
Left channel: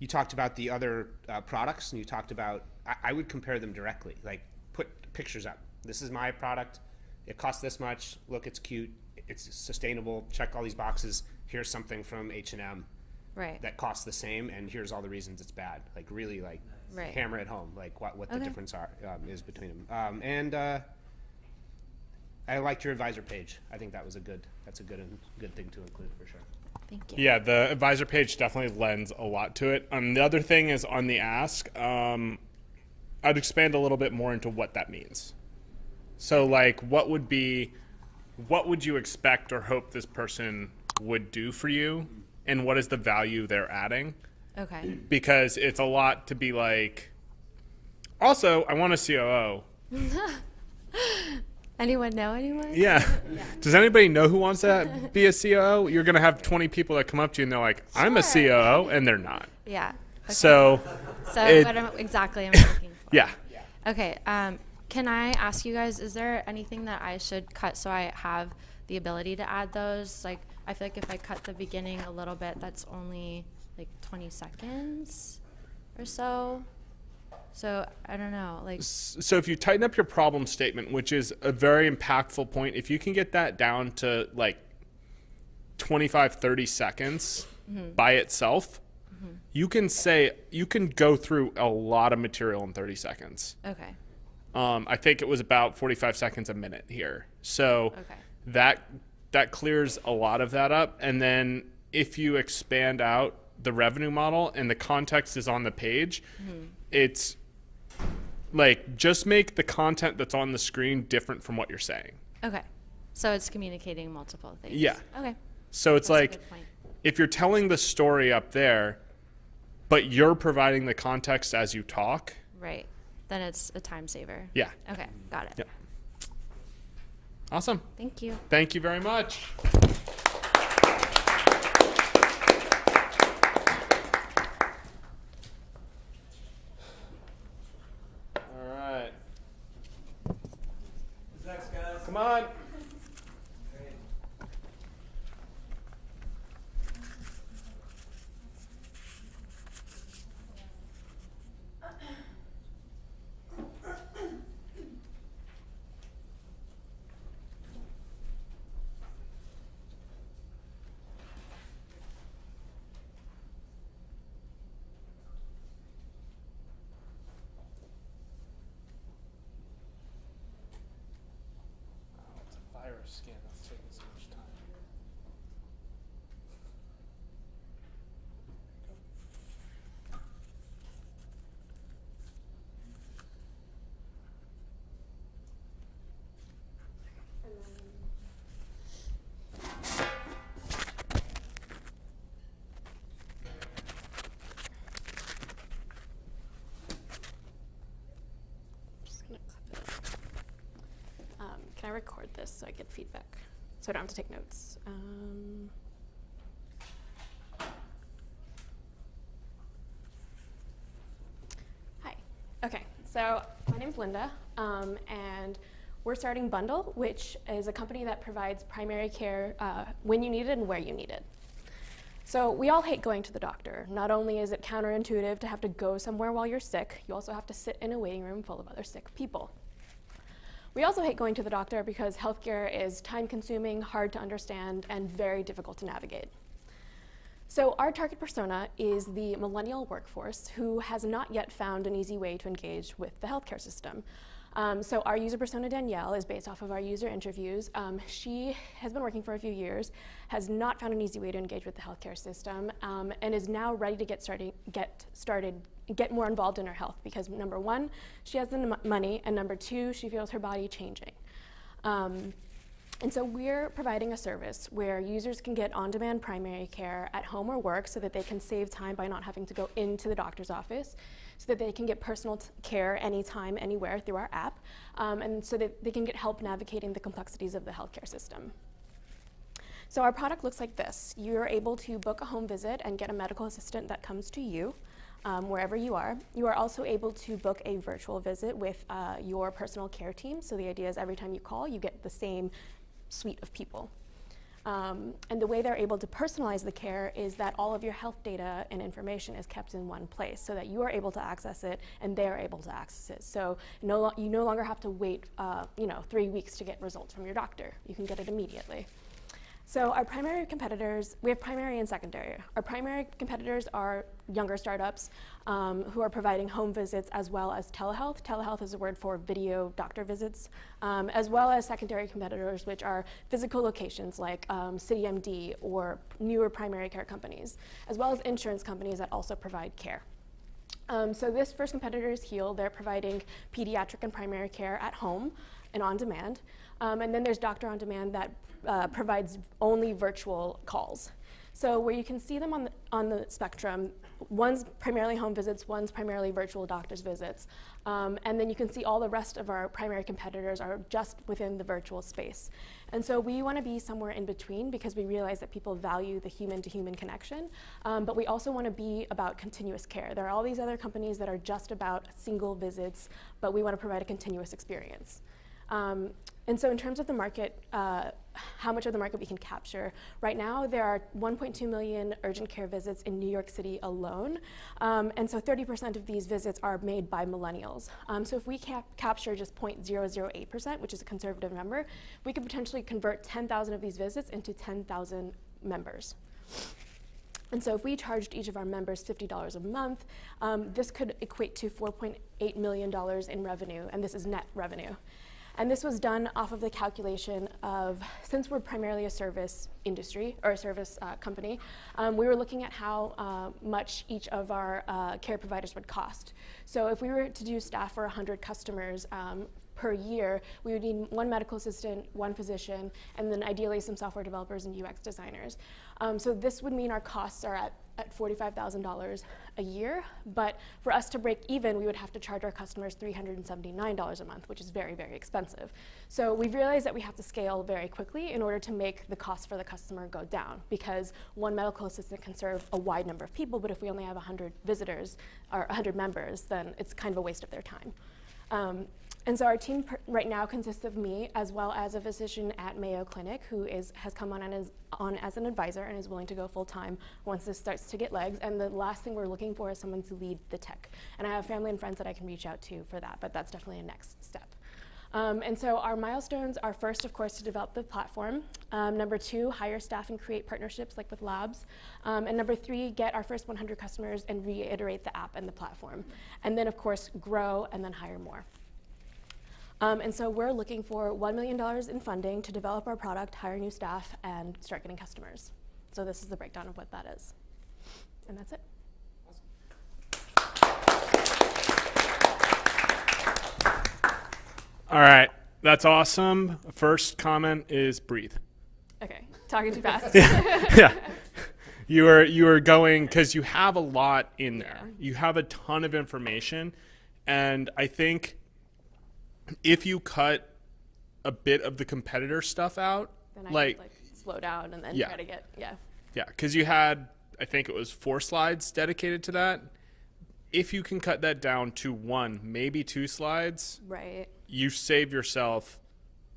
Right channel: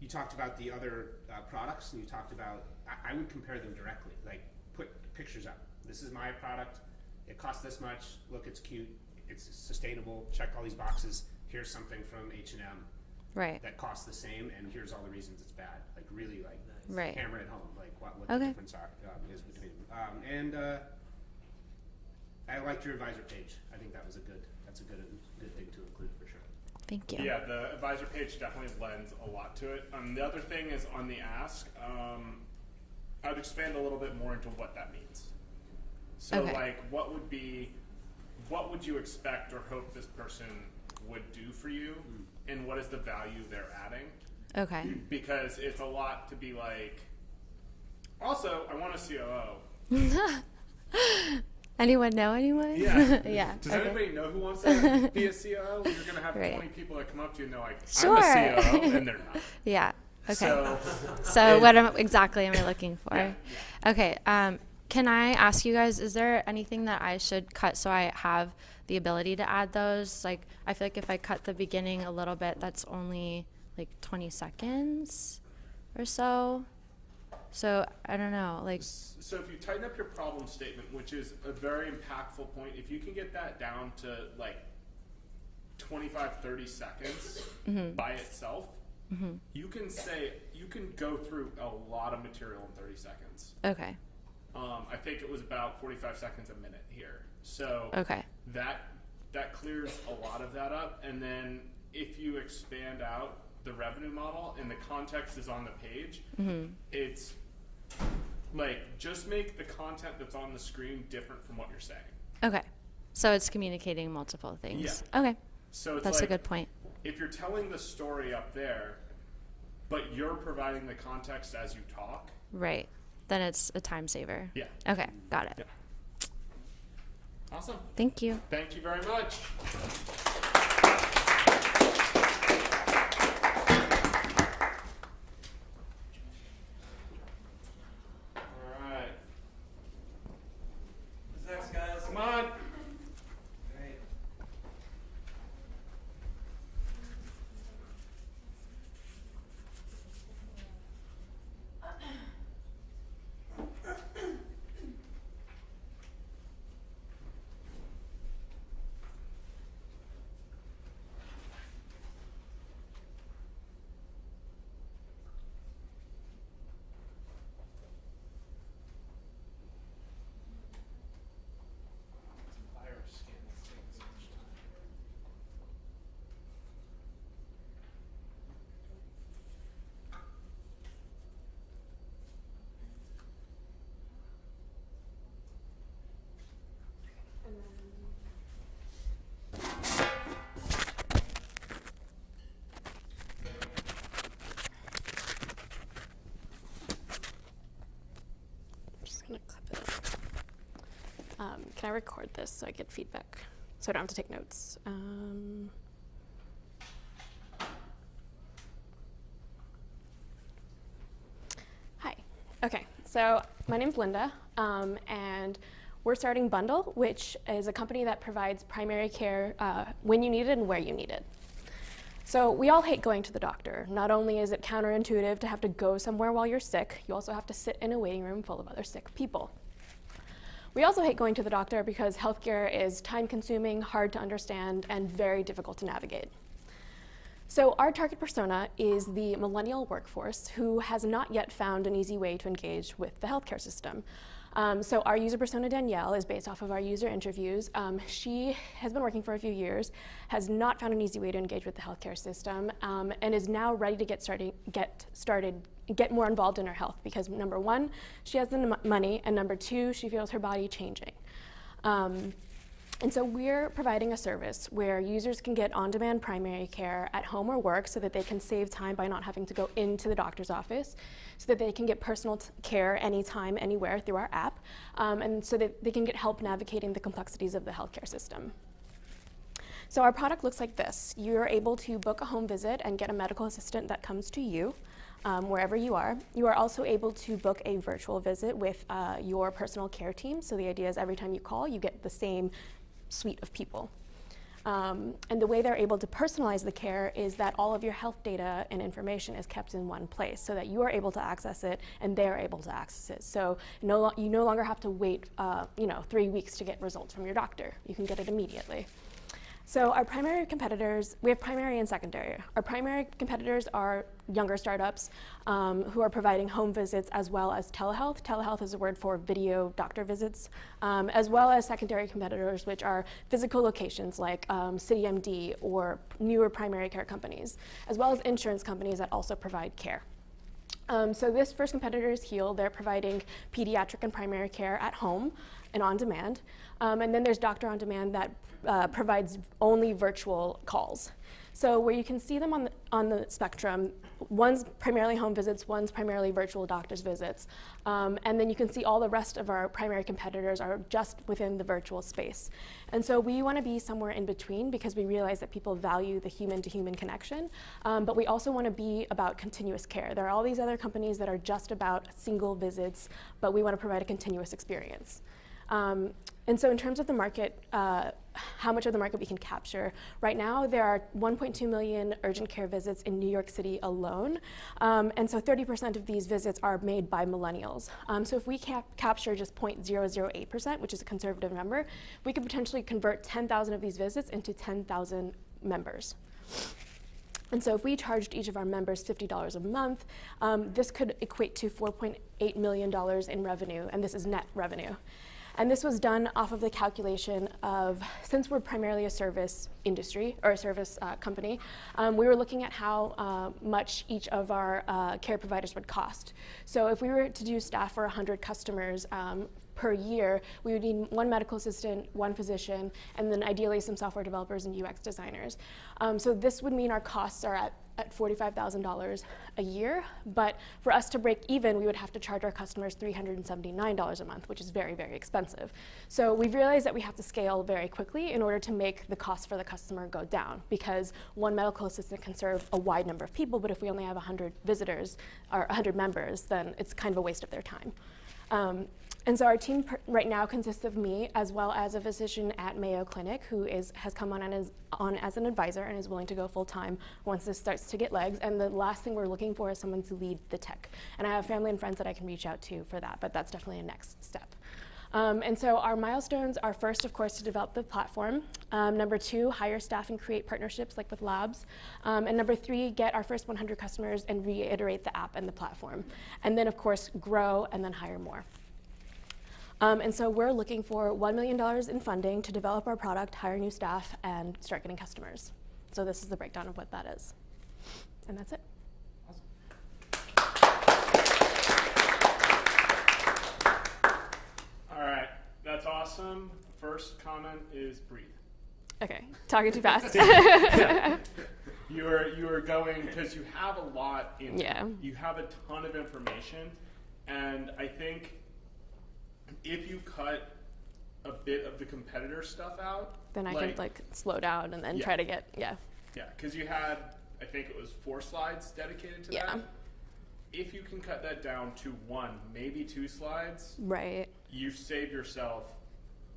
you talked about the other products, and you talked about, I would compare them directly. Like, put pictures up. This is my product. It costs this much. Look, it's cute. It's sustainable. Check all these boxes. Here's something from H&M Right. that costs the same, and here's all the reasons it's bad. Like, really, like, Right. hammer it home. Like, what the Okay. difference is between them. And I liked your advisor page. I think that's a good thing to include for sure. Thank you. Yeah, the advisor page definitely lends a lot to it. The other thing is on the ask, I'd expand a little bit more into what that means. So Okay. like, what would you expect or hope this person would do for you, and what is the value they're adding? Okay. Because it's a lot to be like, also, I want a COO. Anyone know anyone? Yeah. Yeah. Does anybody know who wants to be a COO? You're going to have Right. 20 people that come up to you and they're like, I'm a Sure. COO, and they're not. Yeah. Okay. So, So it- what exactly am I looking for? Yeah. Okay. Can I ask you guys, is there anything that I should cut so I have the ability to add those? Like, I feel like if I cut the beginning a little bit, that's only like 20 seconds or so. So I don't know. Like, so if you tighten up your problem statement, which is a very impactful point, if you can get that down to like 25, 30 seconds by itself, you can go through a lot of material in 30 seconds. okay. I think it was about 45 seconds a minute here. So Okay. that clears a lot of that up. And then if you expand out the revenue model and the context is on the page, it's like, just make the content that's on the screen different from what you're saying. Okay. So it's communicating multiple things. Yeah. Okay. So it's That's like, a good point. if you're telling the story up there, but you're providing the context as you talk. Right. Then it's a time saver. Yeah. Okay. Got it. Yeah. Awesome. Thank you. Thank you very much. All right. Who's next, guys? Come on. Can I record this so I get feedback? So I don't have to take notes. Hi. Okay, so my name's Linda, and we're starting Bundle, which is a company that provides primary care when you need it and where you need it. So we all hate going to the doctor. Not only is it counterintuitive to have to go somewhere while you're sick, you also have to sit in a waiting room full of other sick people. We also hate going to the doctor because healthcare is time-consuming, hard to understand, and very difficult to navigate. So our target persona is the millennial workforce who has not yet found an easy way to engage with the healthcare system. So our user persona, Danielle, is based off of our user interviews. She has been working for a few years, has not found an easy way to engage with the healthcare system, and is now ready to get more involved in her health because number one, she has the money, and number two, she feels her body changing. And so we're providing a service where users can get on-demand primary care at home or work so that they can save time by not having to go into the doctor's office, so that they can get personal care anytime, anywhere through our app, and so that they can get help navigating the complexities of the healthcare system. So our product looks like this. You're able to book a home visit and get a medical assistant that comes to you wherever you are. You are also able to book a virtual visit with your personal care team. So the idea is every time you call, you get the same suite of people. And the way they're able to personalize the care is that all of your health data and information is kept in one place so that you are able to access it and they're able to access it. So you no longer have to wait 3 weeks to get results from your doctor. You can get it immediately. So our primary competitors, we have primary and secondary. Our primary competitors are younger startups who are providing home visits as well as telehealth. Telehealth is a word for video doctor visits, as well as secondary competitors, which are physical locations like CityMD or newer primary care companies, as well as insurance companies that also provide care. So this first competitor is Heal. They're providing pediatric and primary care at home and on demand. And then there's Doctor on Demand that provides only virtual calls. So where you can see them on the spectrum, one's primarily home visits, one's primarily virtual doctor's visits. And then you can see all the rest of our primary competitors are just within the virtual space. And so we want to be somewhere in between because we realize that people value the human-to-human connection, but we also want to be about continuous care. There are all these other companies that are just about single visits, but we want to provide a continuous experience. And so in terms of the market, how much of the market we can capture, right now there are 1.2 million urgent care visits in New York City alone. And so 30% of these visits are made by millennials. So if we capture just 0.008%, which is a conservative number, we could potentially convert 10,000 of these visits into 10,000 members. And so if we charged each of our members $50 a month, this could equate to $4.8 million in revenue, and this is net revenue. And this was done off of the calculation of, since we're primarily a service industry, or a service company, we were looking at how much each of our care providers would cost. So if we were to do staff for 100 customers per year, we would need one medical assistant, one physician, and then ideally some software developers and UX designers. So this would mean our costs are at $45,000 a year, but for us to break even, we would have to charge our customers $379 a month, which is very, very expensive. So we've realized that we have to scale very quickly in order to make the cost for the customer go down, because one medical assistant can serve a wide number of people, but if we only have 100 visitors or 100 members, then it's kind of a waste of their time. And so our team right now consists of me, as well as a physician at Mayo Clinic who has come on as an advisor and is willing to go full time once this starts to get legs. And the last thing we're looking for is someone to lead the tech. And I have family and friends that I can reach out to for that, but that's definitely a next step. And so our milestones are first, of course, to develop the platform. Number 2, hire staff and create partnerships like with labs. And number 3, get our first 100 customers and reiterate the app and the platform. And then, of course, grow and then hire more. And so we're looking for $1 million in funding to develop our product, hire new staff, and start getting customers. So this is the breakdown of what that is. And that's it. All right, that's awesome. First comment is breathe. Okay, talking too fast. Yeah. You are going, because you have a lot in there. You have a ton of information, and I think if you cut a bit of the competitor stuff out, Then I could like slow down and then Yeah. try to get, yeah. yeah, because you had, I think it was 4 slides dedicated to Yeah. that. If you can cut that down to 1, maybe 2 slides, Right. you save yourself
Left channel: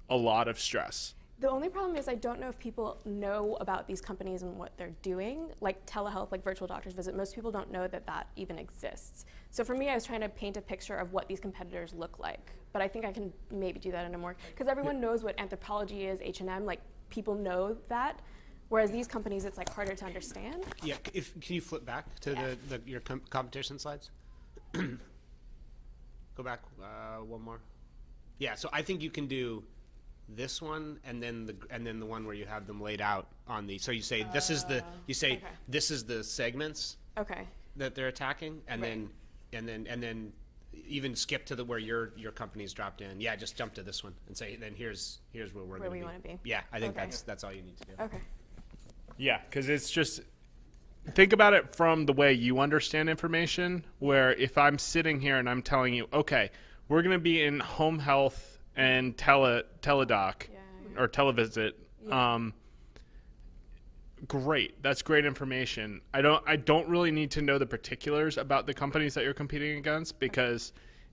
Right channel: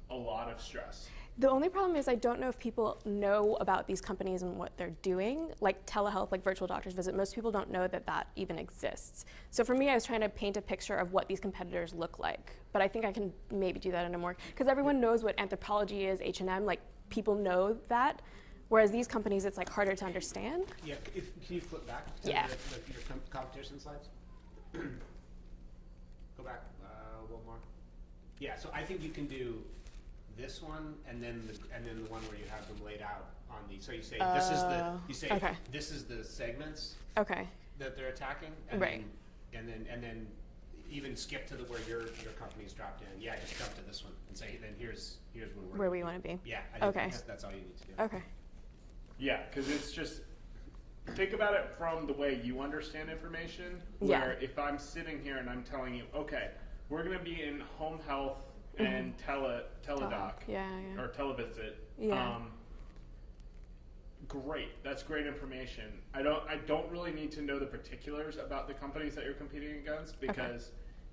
a lot of stress. The only problem is I don't know if people know about these companies and what they're doing, like telehealth, like virtual doctor's visit. Most people don't know that that even exists. So for me, I was trying to paint a picture of what these competitors look like. But I think I can maybe do that in a more, because everyone knows what Anthropology is, H&M, like people know that. Whereas these companies, it's like harder to understand. Yeah, can you flip back to Yeah. your competition slides? Go back one more. Yeah, so I think you can do this one and then the one where you have them laid out on the. So you say this is the okay. this is the segments Okay. that they're attacking, and Right. then even skip to the where your company's dropped in. Yeah, just jump to this one and say then here's Where we want to be. Yeah, I think Okay. that's all you need to do. Okay. Yeah, because it's just, think about it from the way you understand information, where if I'm sitting here and I'm telling you, okay, we're going to be in home health and teledoc Yeah, yeah. or televisit. Yeah. Great, that's great information. I don't really need to know the particulars about the companies that you're competing against, because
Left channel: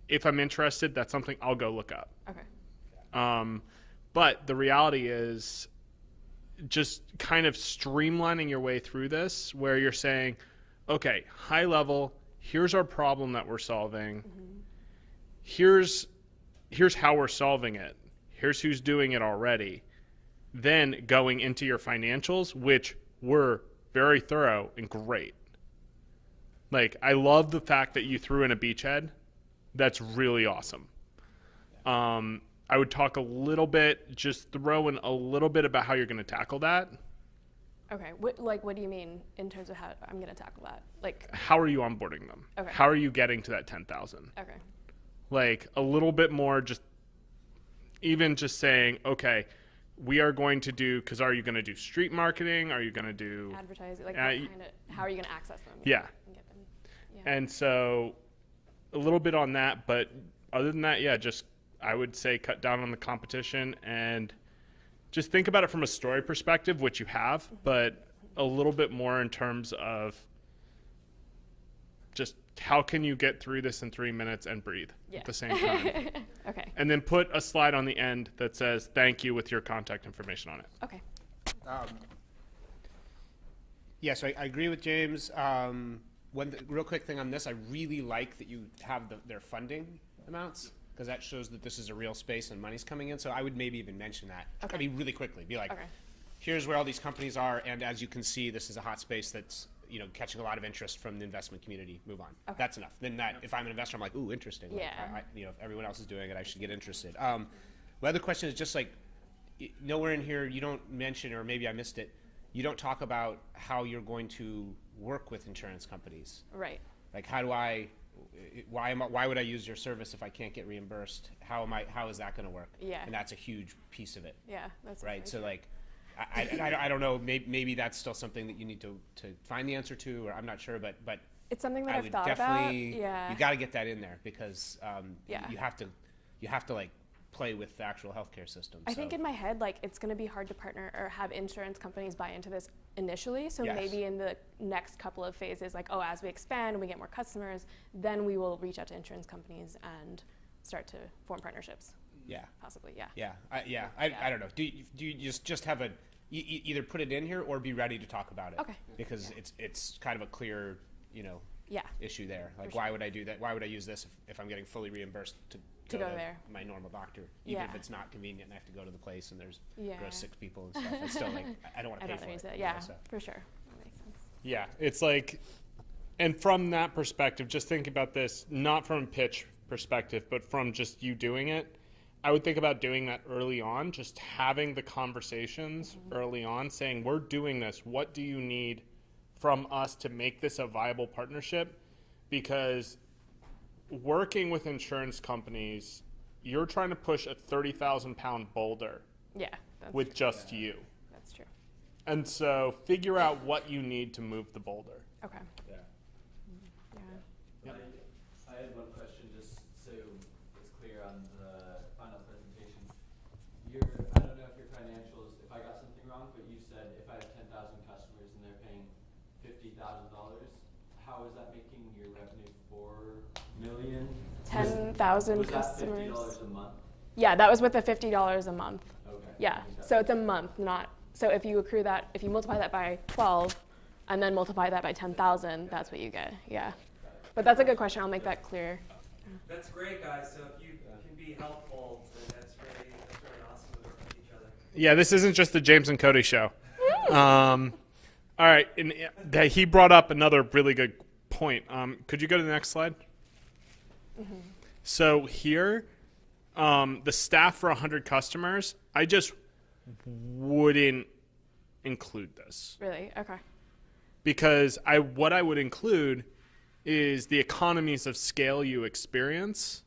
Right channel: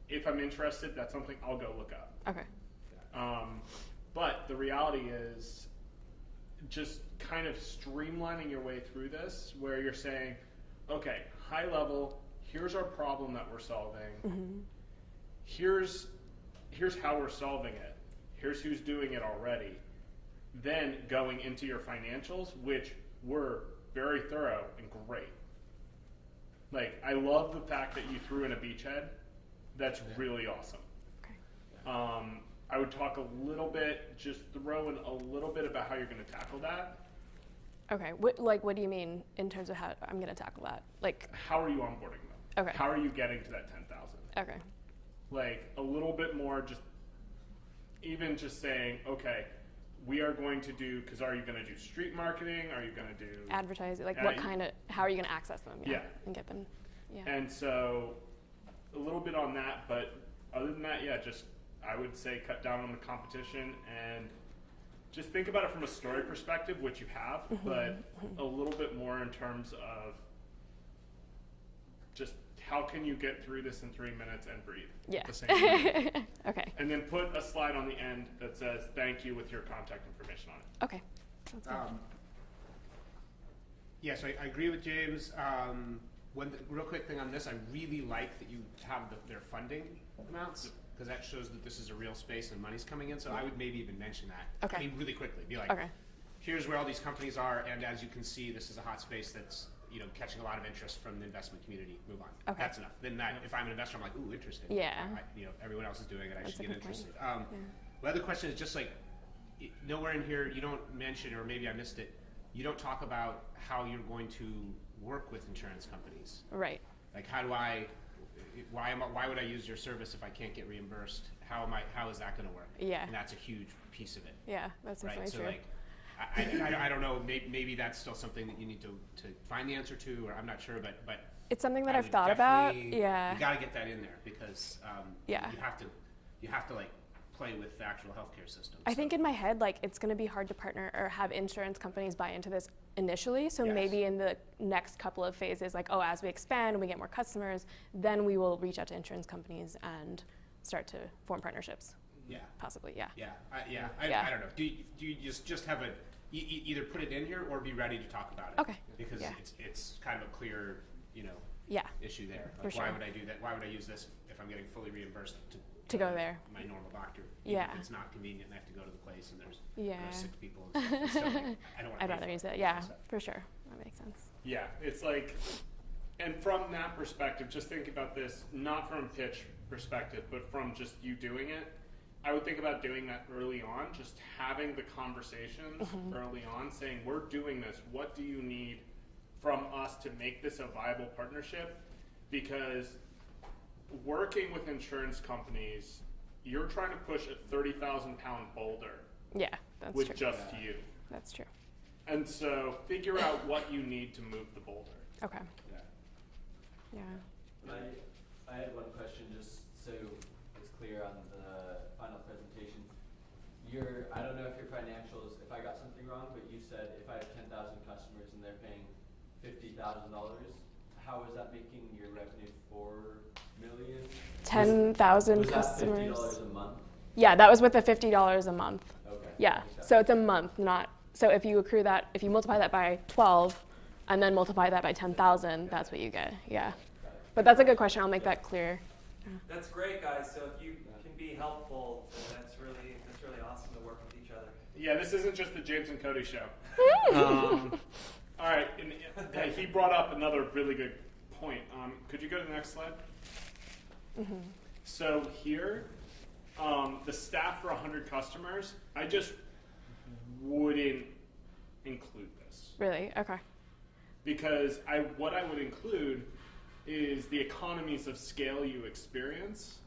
if I'm interested, that's something I'll go look up. Okay. But the reality is just kind of streamlining your way through this, where you're saying, okay, high level, here's our problem that we're solving. Here's how we're solving it. Here's who's doing it already. Then going into your financials, which were very thorough and great. Like, I love the fact that you threw in a beachhead. That's really awesome. I would talk a little bit, just throw in a little bit about how you're going to tackle that. Okay. What do you mean in terms of how I'm going to tackle that? Like, How are you onboarding them? Okay. How are you getting to that 10,000? okay. Like, a little bit more, just even just saying, okay, we are going to do, because are you going to do street marketing? Are you going to do Advertising, like Uh, how are you going to access them? Yeah. And get them. Yeah. And so a little bit on that, but other than that, yeah, just I would say cut down on the competition and just think about it from a story perspective, which you have, but a little bit more in terms of just how can you get through this in 3 minutes and breathe Yeah. at the same time. Okay. And then put a slide on the end that says thank you with your contact information on it. Okay. Yeah, so I agree with James. Real quick thing on this, I really like that you have their funding amounts, because that shows that this is a real space and money's coming in. So I would maybe even mention that. Okay. I mean, really quickly. Be like, Okay. here's where all these companies are, and as you can see, this is a hot space that's catching a lot of interest from the investment community. Move on. Okay. That's enough. Then if I'm an investor, I'm like, ooh, interesting. Yeah. Everyone else is doing it. I should a get good point. interested. My other question is just like, nowhere in here you don't mention, or maybe I missed it, you don't talk about how you're going to work with insurance companies. Right. Like, why would I use your service if I can't get reimbursed? How is that going to work? Yeah. And that's a huge piece of it, Yeah. That's right? definitely So true. like, I don't know. Maybe that's still something that you need to find the answer to, or I'm not sure. But It's something that I I've would thought about. definitely- Yeah. you got to get that in there, because Yeah. you have to like play with the actual healthcare system. I think in my head, like, it's going to be hard to partner or have insurance companies buy into this initially. So Yes. maybe in the next couple of phases, like, as we expand and we get more customers, then we will reach out to insurance companies and start to form partnerships. Yeah. Possibly, yeah. Yeah, Yeah. I don't know. Do you just have either put it in here or be ready to talk about it? Okay. Because Yeah. it's kind of a clear, Yeah. issue there. For Like, why sure. would I do that? Why would I use this if I'm getting fully reimbursed To go there. My normal doctor. Yeah. Even if it's not convenient and I have to go to the place and there's Yeah. 6 people and stuff. It's still, like, I don't want to I'd rather use it. Yeah, for sure. That makes sense. Yeah, it's like, and from that perspective, just think about this, not from a pitch perspective, but from just you doing it. I would think about doing that early on, just having the conversations early on, saying, we're doing this. What do you need from us to make this a viable partnership? Because working with insurance companies, you're trying to push a 30,000-pound boulder Yeah, that's with true. just you. That's true. And so figure out what you need to move the boulder. Okay. Yeah. Yeah. I had one question, just so it's clear on the final presentation. financials if I got something wrong, but you said if I have 10,000 customers and they're paying $50,000, how is that making your revenue 4 million? 10,000 Was that customers. $50 a month? Yeah, that was with the $50 a month. Okay. Yeah, so it's a month, not, so if you accrue that, if you multiply that by 12 and then multiply that by 10,000, that's what you get, yeah. But that's a good question, I'll make that clear. That's great, guys. So if you can be helpful, then that's really awesome to work with each other. Yeah, this isn't just the James and Cody show. All right, and he brought up another really good point. Could you go to the next slide? So here, the staff for 100 customers, I just wouldn't include this. Really, okay. Because what I would include is the economies of scale you experience,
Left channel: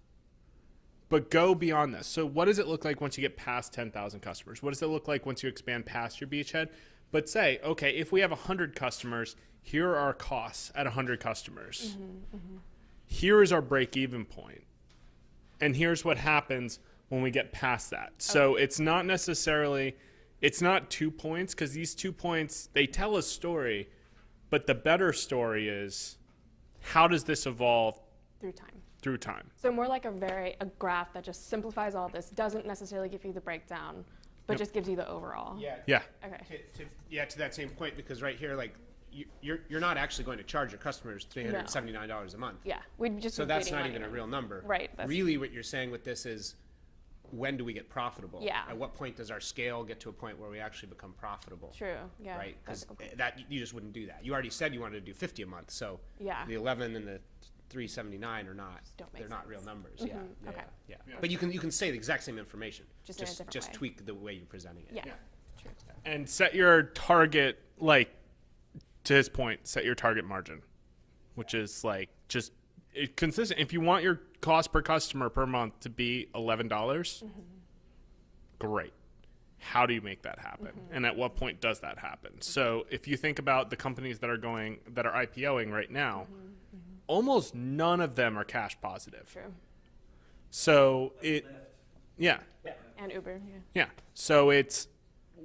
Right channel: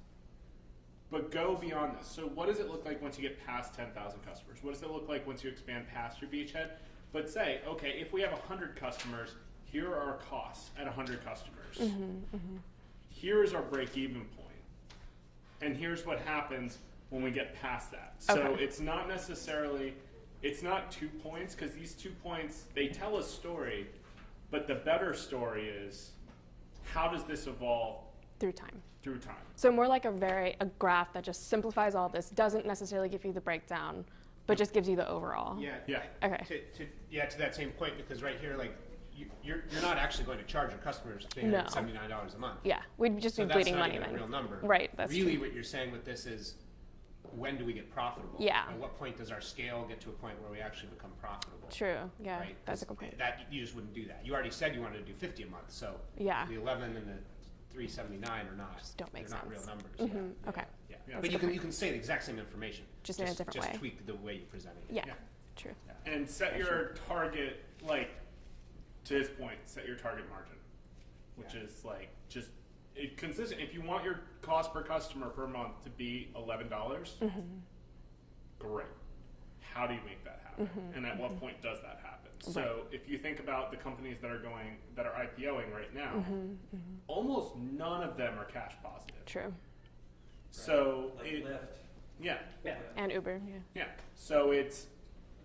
but go beyond this. So what does it look like once you get past 10,000 customers? What does it look like once you expand past your beachhead? But say, okay, if we have 100 customers, here are our costs at 100 customers. Here is our break-even point. And here's what happens when we get past that. So it's not necessarily, it's not 2 points, because these 2 points, they tell a story, but the better story is, how does this evolve Through time. through time? So more like a graph that just simplifies all this, doesn't necessarily give you the breakdown, but just gives you the overall. Yeah. Yeah. Okay. To that same point, because right here, like, you're not actually going to charge your customers No. $379 a month. Yeah, we'd just So be that's bleeding not money even then. a real number. Right, that's really true. what you're saying with this is, when do we get profitable? Yeah. At what point does our scale get to a point where we actually become profitable? True, yeah, Right? that's a good point. That you just wouldn't do that. You already said you wanted to do 50 a month, so Yeah. the 11 and the 379 are not. Just don't make they're not real sense. numbers. Okay, Yeah. Yeah. But you can say the exact same information. Just in a different way. Just tweak the way you present it. yeah, Yeah. true. And set your target, like, to his point, set your target margin, which is like just consistent. If you want your cost per customer per month to be $11, great. How do you make that happen? And at what point does that happen? So if you think about the companies that are IPOing right now, almost none of them are cash positive. True. So yeah. And Uber, yeah. Yeah. So it's,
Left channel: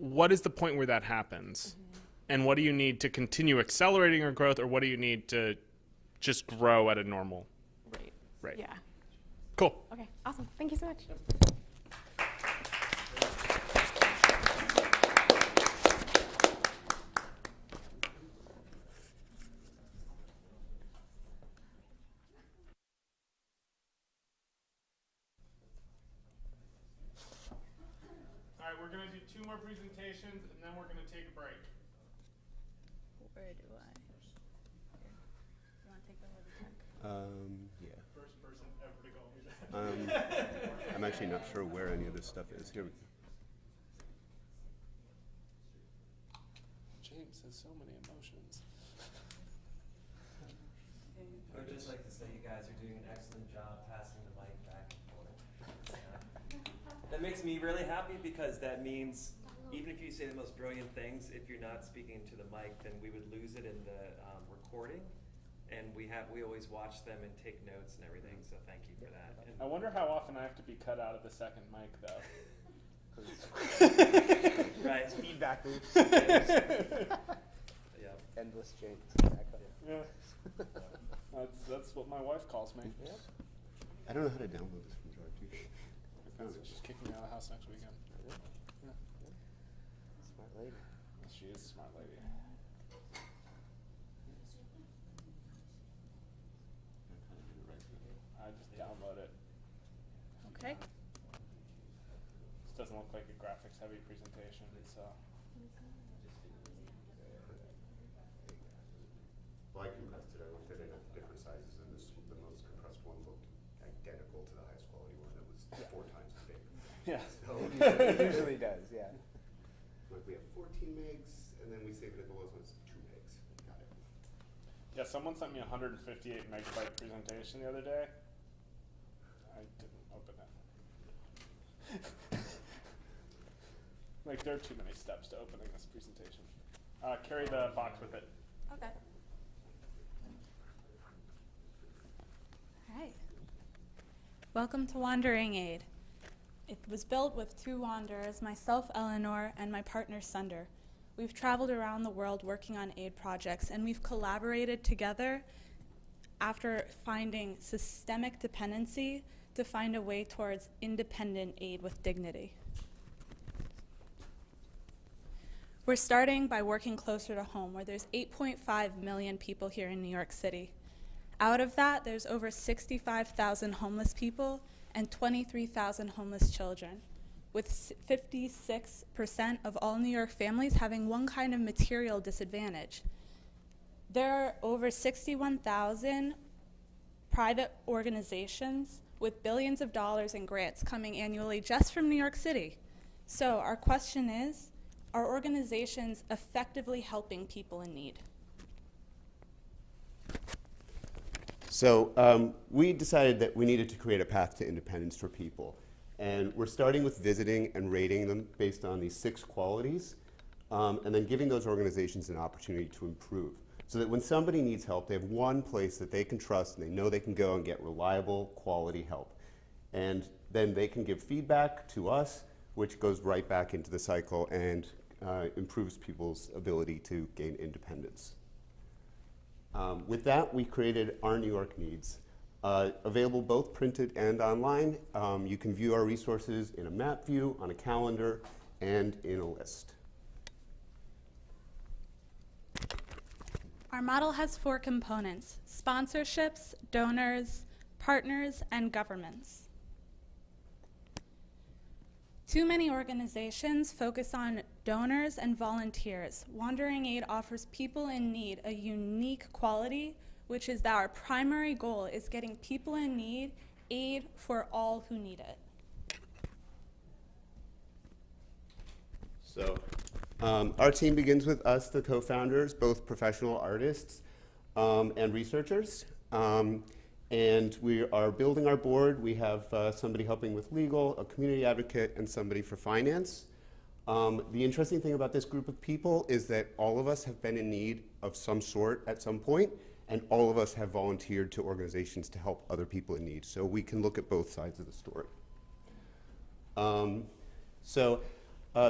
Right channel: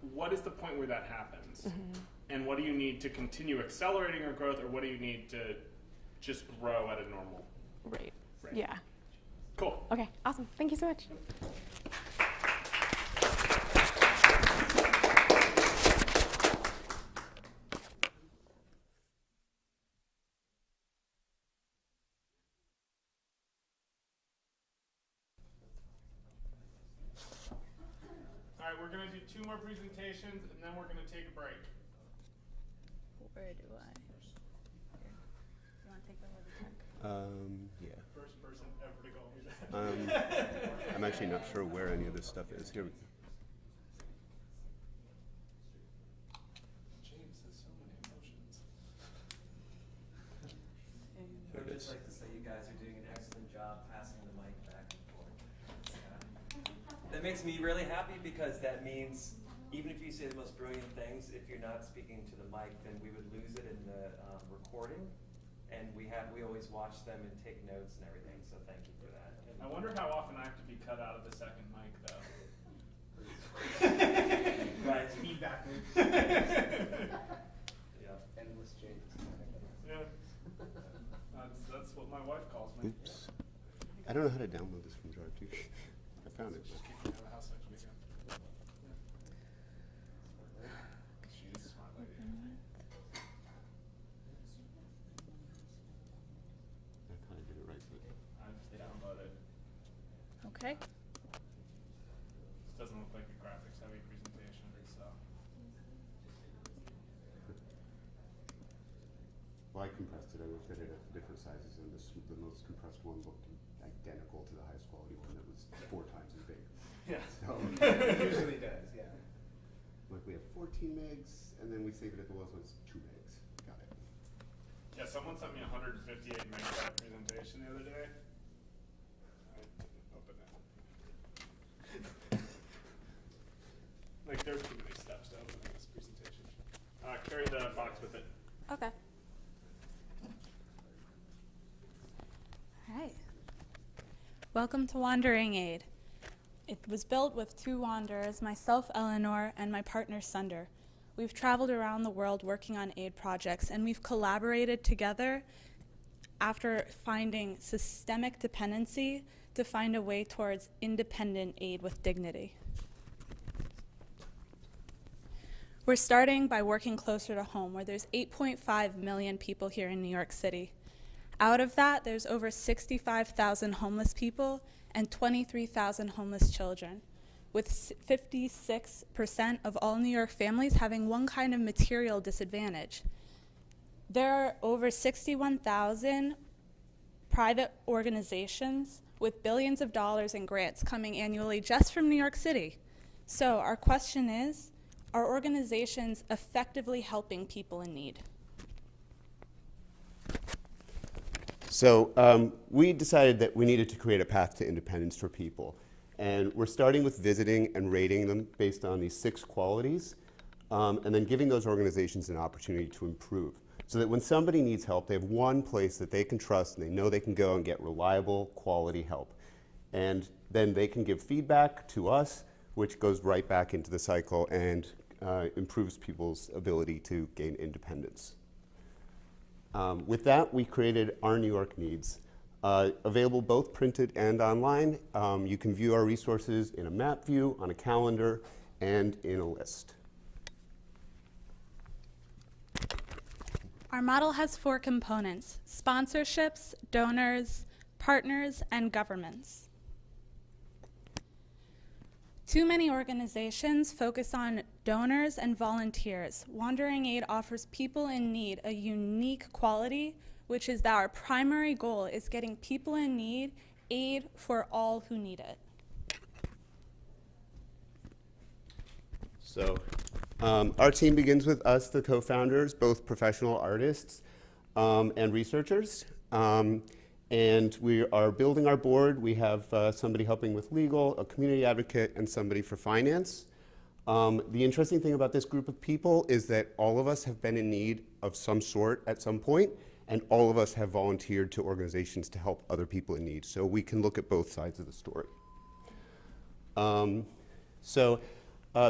what is the point where that happens? And what do you need to continue accelerating your growth, or what do you need to just grow at a normal Right. rate? Yeah. Cool. Okay, awesome. Thank you so much. All right, we're going to do 2 more presentations, and then we're going to take a break. Where do I? Here. You want to take over the tech? Yeah. First person ever to go over that. I'm actually not sure where any of this stuff is. Here we go. James has so many emotions. I would just like to say you guys are doing an excellent job passing the mic back and forth. That makes me really happy, because that means even if you say the most brilliant things, if you're not speaking to the mic, then we would lose it in the recording. And we always watch them and take notes and everything. So thank you for that. I wonder how often I have to be cut out of the second mic, though. Guys, Feedback loops. yeah. Endless James. Yeah. That's what my wife calls me. Oops. I don't know how to download this from Drive. I found it. Just kick me out of the house next weekend. She is a smart lady. I kind of did it right, but I just download it. Okay. This doesn't look like a graphics-heavy presentation, so. well, I compressed it. I looked at it at different sizes, and the most compressed one looked identical to the highest quality one. It was 4 times as big. Yeah. So It usually does, yeah. like we have 14 megs, and then we save it at the lowest one. It's 2 megs. Got it. Yeah, someone sent me a 158 megabyte presentation the other day. I didn't open it. Like, there are too many steps to opening this presentation. Carry the box with it. Okay. All right. Welcome to Wandering Aid. It was built with 2 wanderers, myself, Eleanor, and my partner, Sunder. We've traveled around the world working on aid projects, and we've collaborated together after finding systemic dependency to find a way towards independent aid with dignity. We're starting by working closer to home, where there's 8.5 million people here in New York City. Out of that, there's over 65,000 homeless people and 23,000 homeless children, with 56% of all New York families having one kind of material disadvantage. There are over 61,000 private organizations with billions of dollars in grants coming annually just from New York City. So our question is, are organizations effectively helping people in need? So we decided that we needed to create a path to independence for people. And we're starting with visiting and rating them based on these 6 qualities, and then giving those organizations an opportunity to improve. So that when somebody needs help, they have one place that they can trust and they know they can go and get reliable, quality help. And then they can give feedback to us, which goes right back into the cycle and improves people's ability to gain independence. With that, we created Our New York Needs. Available both printed and online. You can view our resources in a map view, on a calendar, and in a list. Our model has 4 components: sponsorships, donors, partners, and governments. Too many organizations focus on donors and volunteers. Wandering Aid offers people in need a unique quality, which is that our primary goal is getting people in need aid for all who need it. So our team begins with us, the co-founders, both professional artists and researchers. And we are building our board. We have somebody helping with legal, a community advocate, and somebody for finance. The interesting thing about this group of people is that all of us have been in need of some sort at some point, and all of us have volunteered to organizations to help other people in need. So we can look at both sides of the story.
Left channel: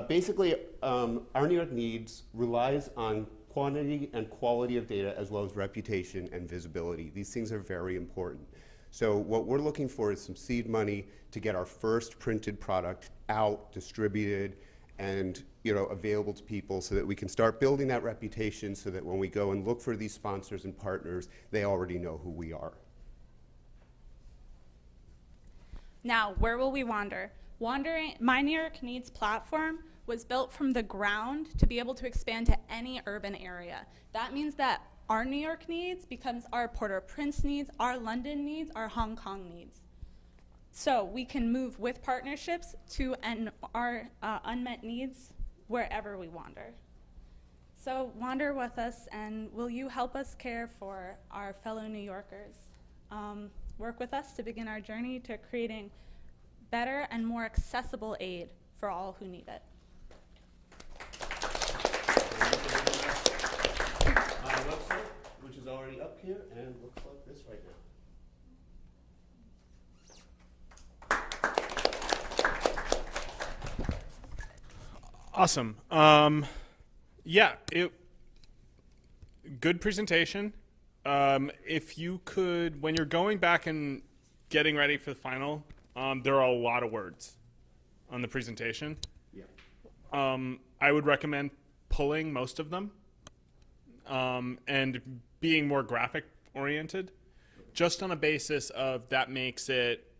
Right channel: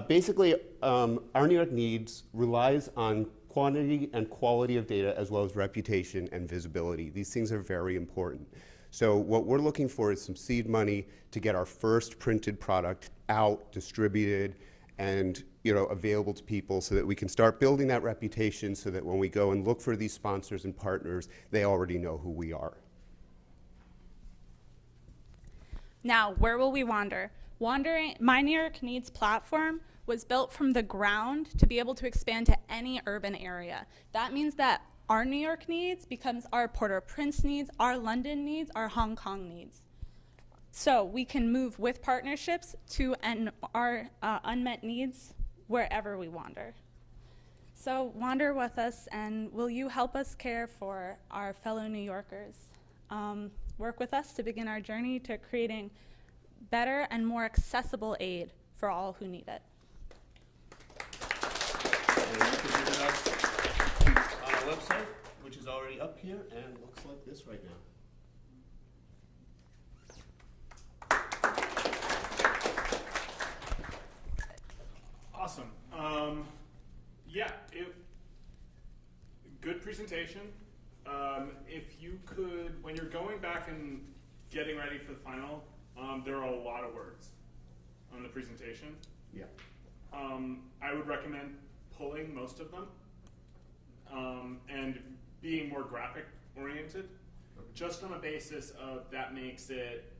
Basically, Our New York Needs relies on quantity and quality of data, as well as reputation and visibility. These things are very important. So what we're looking for is some seed money to get our first printed product out, distributed, and available to people, so that we can start building that reputation, so that when we go and look for these sponsors and partners, they already know who we are. Now, where will we wander? My New York Needs platform was built from the ground to be able to expand to any urban area. That means that our New York needs becomes our Port-au-Prince needs, our London needs, our Hong Kong needs. So we can move with partnerships to our unmet needs wherever we wander. So wander with us, and will you help us care for our fellow New Yorkers? Work with us to begin our journey to creating better and more accessible aid for all who need it. And you can visit our website, which is already up here and looks like this right now. Awesome. Good presentation. If you could, when you're going back and getting ready for the final, there are a lot of words on the presentation. Yeah. I would recommend pulling most of them and being more graphic oriented, just on a basis of that makes it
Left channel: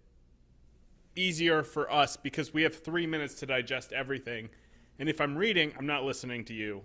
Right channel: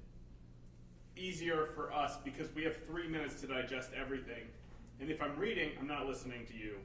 easier for us, because we have 3 minutes to digest everything. And if I'm reading, I'm not listening to you.